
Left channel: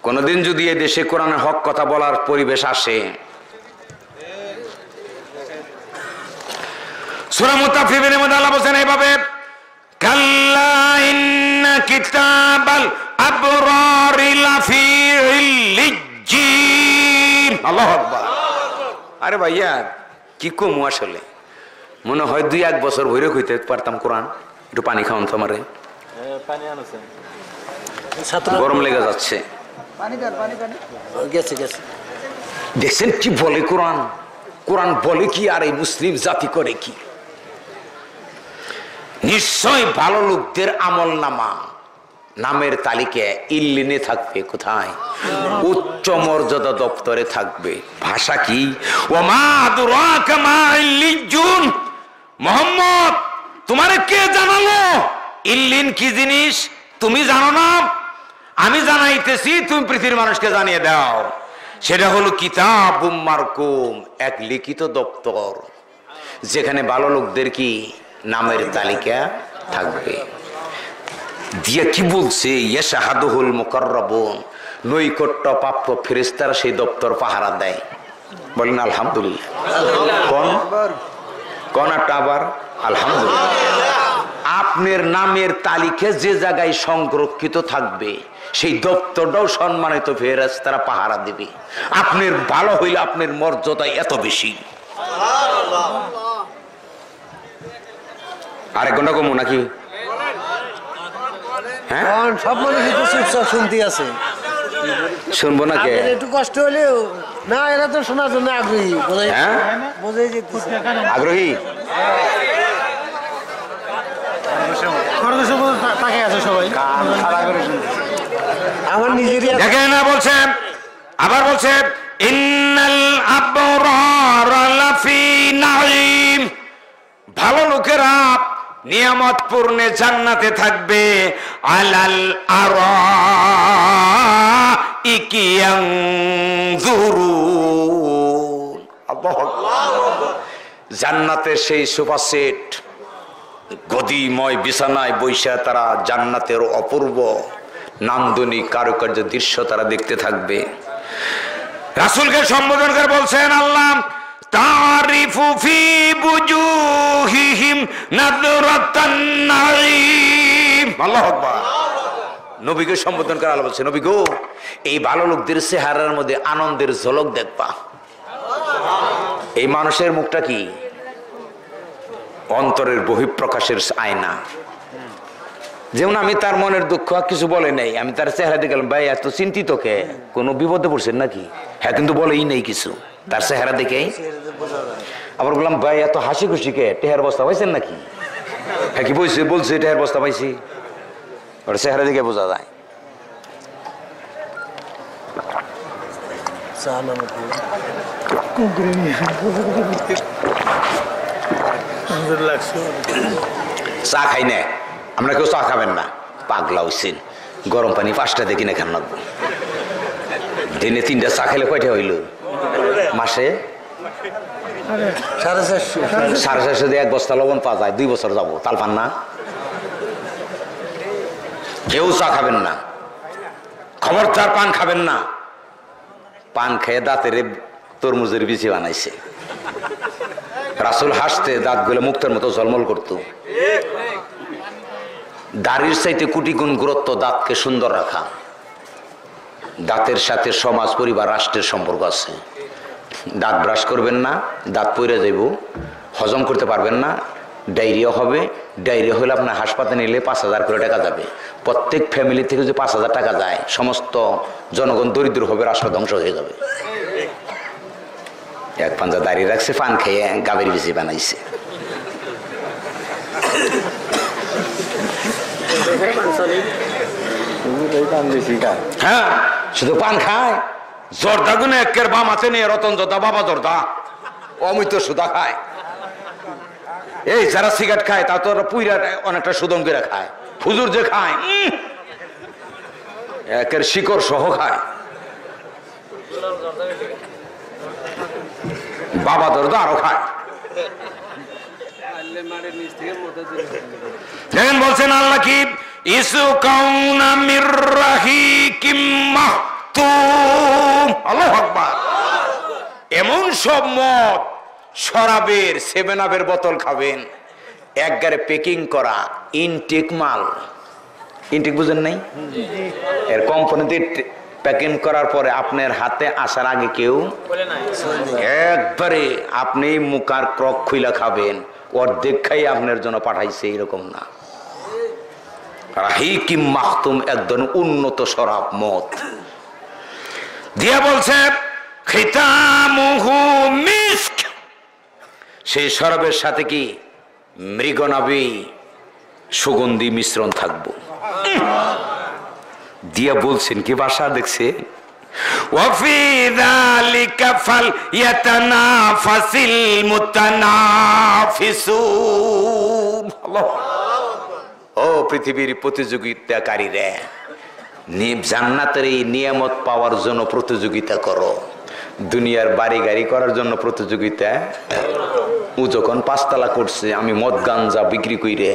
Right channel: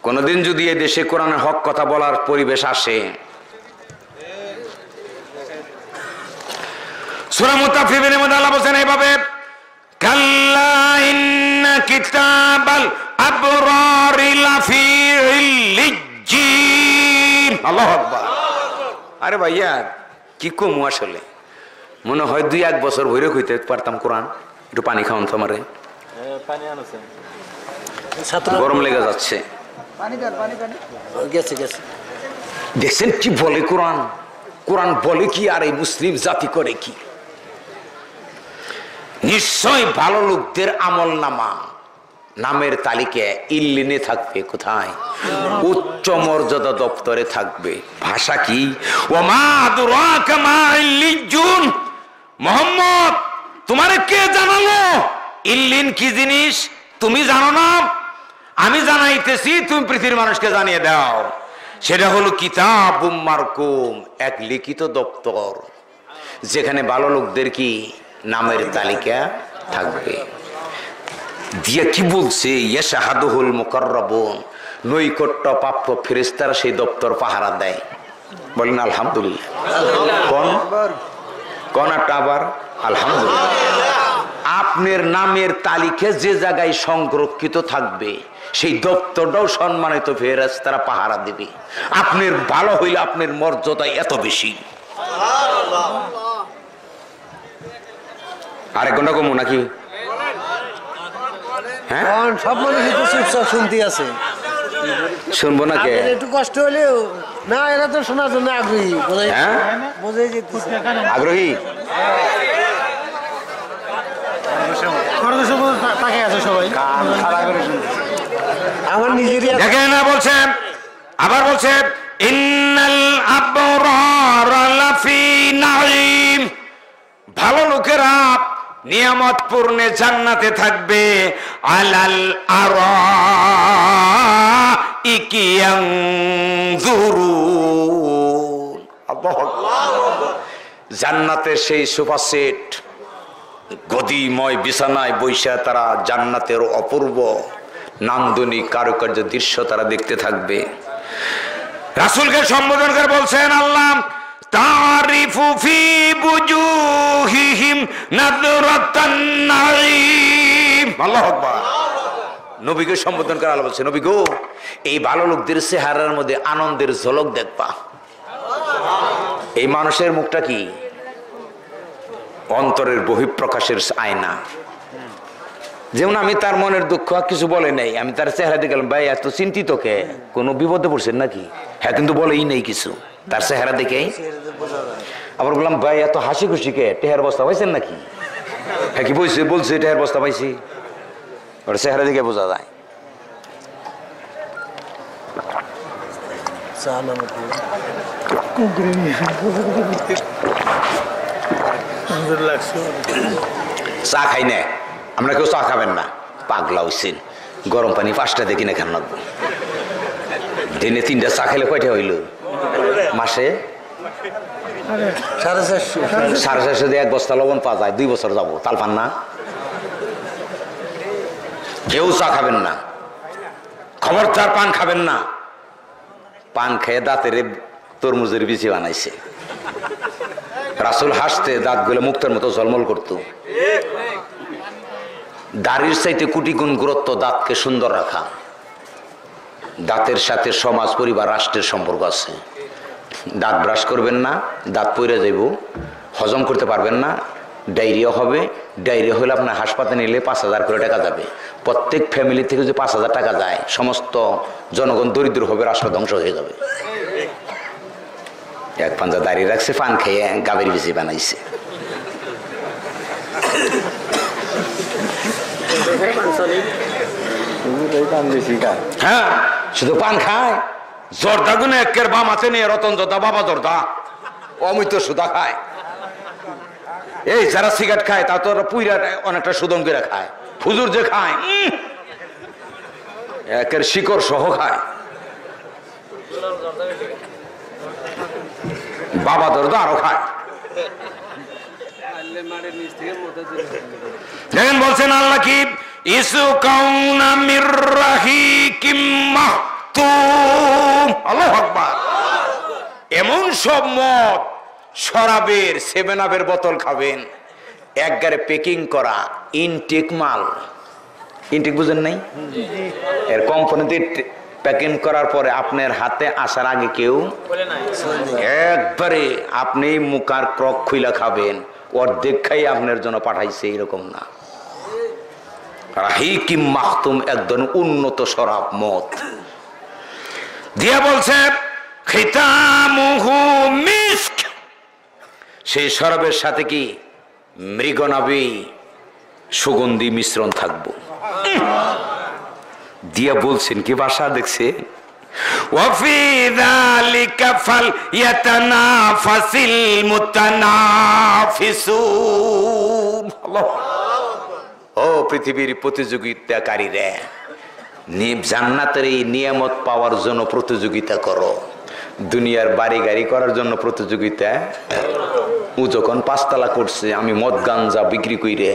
কোনদিন যদি এই দেশে কোরআনের হক কথা বলার পরিবেশ আসে, সূরা মুতাফফিফিনের মধ্যে আল্লাহ বলেন এইভাবে কাল্লা ইন্না কিতাবাল আবরারি লাফি ইল্লিজ্জিন। আল্লাহু আকবার। আরে ভাইয়া কি কমু, আসলে মনে হয় 2-1 বছর ভরে কইতে পারতাম কোরআন। একটু পানি খাওয়ান তো আমারে, গরম লেগে যাচ্ছে। দেখছেন কি বলে কোরআন? কোরআন বলে কি আর এই মুসলিম জাতি করে কি? নিশ্চয় ভালো লোকদের আমল নামা নামের তালিকায় ইল্লিনে থাকবে। কোথায়? উচ্চ মর্যাদা দপ্তরে থাকবে। ভাষা কি? ওমা আদরাকা মা ইল্লিজুন, মুহাম্মদ তোমারে কে জানালো ইল্লিন কি জিনিস? তুমি জানো না? আমি জানাইতেছি, তুমি পৃথিবীর মানুষকে জানিয়ে দাও। সেটা হলো কিতাবুম মারকুম, এক লিখিত দপ্তর, যেখানে ভালো লোকদের কি নামের তালিকা থাকবে। দিয়ে কি বলছে? ইয়াশহাদুহুল মুকাররাবুন, নৈকট্য প্রাপ্ত ফেরেশতারা সেই দপ্তর পাহারা দেয়। বলেন আলহামদুলিল্লাহ। কোন একটা আবার আলহামদুলিল্লাহ। আপনার নামের তালিকা যে জায়গায় সংরক্ষিত থাকবে সেই দপ্তরটাও সম্মানিত ফেরেশতারা পাহারা দিবে। আপনার ভালো হইলে আপনার মর্যাদা এত বেশি। আরেক ঘন্টা কমু নাকি? হ্যাঁ সব মানুষ চুপচাপ শুনতে আছে, শুনবো না কে? একটু কষ্ট হলেও না, এরা তো শোনার জন্য আগ্রহী। হ্যাঁ বোঝাই যেতেছে আগ্রহী। আমার নিজেরই দেখেন না বলছেন, আবার বলছেন ইন্নাল আবরারা লাফি নাঈম, ভালো লোকেরা নিয়ামত পূর্ণে জান্নাতে থাকবে। আলাল আরাইকি ইয়ানজুরুন, আল্লাহু আকবার। জান্নাতের সেই সোফা সেট, গদিময় বিছানায় বৈশা তারা জান্নাতের অপূর্ব নান্দনিক কারুকার্য দৃশ্য তারা দেখতে থাকবে। রাসূলকে সম্বোধন করে বলছেন আল্লাহ তারিফু ফি বুজুহিহিম নাযরাতান নাঈম। আল্লাহু আকবার। নবীকে সম্বোধন করে আল্লাহ বলছে, নবী গো, এই ভালো লোকদের চেহারার মধ্যে আনন্দের ঝলক দেখবা। এই মানুষের মুখটা কি? অন্তরের বহিঃপ্রকাশের আয়না। যেমন আমি তার মনের দুঃখ কিছু বলে নাই, আমি তার চেহারা দেখে গেলাম, ভাই এত চিন্তিত কে, কোনো বিপদে পড়ছেন নাকি? হ্যাঁ কিন্তু বলেই নেই কিছু, তার চেহারা দেখেই। আবার বললাম, ভাই এত হাসি খুশি কে, টেহার বস্তা পাইছেন নাকি? হ্যাঁ কি বলছে? বলছে টেহার বস্তা পাইছি। ওর চেহারা দেখে বোঝা যায়। চা খাই না আমরা, কেউ চা খাবেন না, পাগলা হইছেন। গরম পানি 5টা দিয়ে কিনে খান লাগবে। দিনে 3টা চা খেলে কয়টা হইল? মাসে 450 দিয়ে 1 বস্তা লবণ পাওয়া যায়, 2 বছর যাবো। তাল পান না? কেউ চা খাবেন না, খবরদার পান খাবেন না। পান খেয়ে দাঁতের তরমুজের বিচি বানাইছে। রাসূল হাসতে দাঁতগুলো মুক্তার মতো ঝলমল করত। দাড়ির চাইতে কোটি গুণ গুরুত্ব দাঁতকে সুন্দর রাখা। দাঁতের সাথে সমাজ, পরিবার, রাষ্ট্রের সম্পর্ক আছে। দাঁত ব্রাশ করবেন না, দাঁত পড়ে যাইব, হজম করতে পারবেন না, ডায়রিয়া হবে। ডায়রিয়া হলে আপনার হাসপাতালে নিলে 5,000 করে টাকা যাবে। প্রত্যেক ফ্যামিলি থেকে যদি 5,000 টাকা যায়, সমস্ত জনগণ দরিদ্র হবে, রাষ্ট্র ধ্বংস হয়ে যাবে। এক পাঞ্জা দাঁড়িয়ে রাখছে, পান খেয়ে গাবের বিচি বানাইছে। হ্যাঁ, শুধু পান খায়। জর্দা গুনে একের বাম আছে নিয়ে রতন জর্দা, বাবা জর্দা, অমিত সুদা খায়। এই যারা সিগারেট খায় তা তো পুইরা অনেকটা সুদম করে খায়। হুজুর যে খায় একের শিকড় সহ খায়। বাবা জর্দা আরো খায়। দেখেন বলছেন আল্লাহ কি ইসু কাউনা মির রাহিকিম মাহতুম। আল্লাহু আকবার। এমন সব মদ, শরাবের, 7 আপের বোতল খাবেন, একবারে প্যাকিং করা ইনটেক মাল। ইনটেক বুঝেন নাই? এর কোম্পানিতে প্যাকিং করার পরে আপনার হাতে আসার আগে কেউ একবারে আপনি মুখার ক্রক খুইলা খাবেন, অর্ধেক খাই আপনার জন্য পাঠাইছে, এরকম না। রাহিকিম মাহতুম, একদম উন্নত শরাব মদ দিয়া বলছে খিতামুহু মিস্ক। সেই শরাবের সাথে কি মৃগনাভি সুগন্ধি মিশ্রণ থাকবো দিয়া বলছেন কি ভাষা দেখছে ওয়াফি যালিকা ফালইয়াতানাফাসিল মুতানাফিসুন। আল্লাহ। ও পৃথিবীর প্রতিযোগিতাকারীরা, জান্নাতের এই নিয়ামত পাওয়ার জন্য প্রতিযোগিতা করো, দুনিয়ার বাড়ি গাড়ি করার জন্য প্রতিযোগিতা। ও যখন 5 তালা করছে, আমি মদ গাঞ্জা বিক্রি কইরে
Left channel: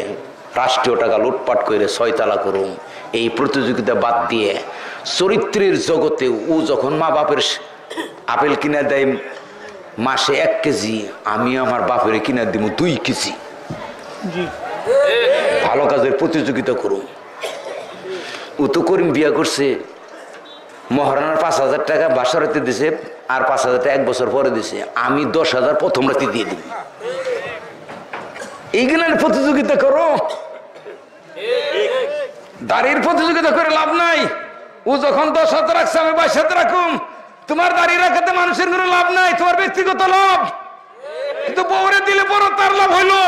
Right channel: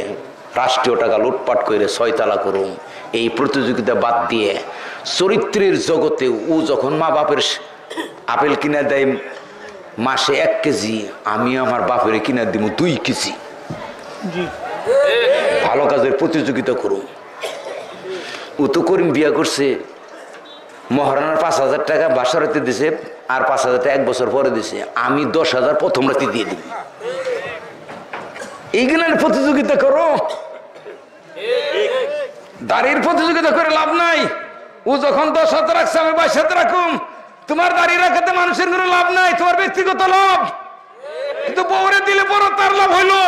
রাষ্ট্রীয় টাকা লুটপাট করে 6 তালা করুম, এই প্রতিযোগিতা বাদ দিয়ে চরিত্রের জগতে ও যখন মা বাপের আপেল কিনা দেয় মাসে 1 কেজি, আমি আমার বাপের কিনা দিব 2 কেজি। ভালো কাজের প্রতিযোগিতা করুন। ও তো করিম বিয়া করছে, মহারানার 5,000 টাকা বাসা রাতে দিছে, আর 5,000 টাকা 1 বছর পরে দিছে, আমি 10,000 প্রথম রাতে দিয়ে দিব। এইগুলোর প্রতিযোগিতা করো, দাড়ির প্রতিযোগিতা করে লাভ নাই। ও যখন 10,000 রাখছে, আমি 22,000 রাখুম। তোমার দাড়ি রাখাতে মানুষের কোনো লাভ নাই, তোমার ব্যক্তিগত লাভ। কিন্তু বউরে দিলে বড় তার লাভ হইলো।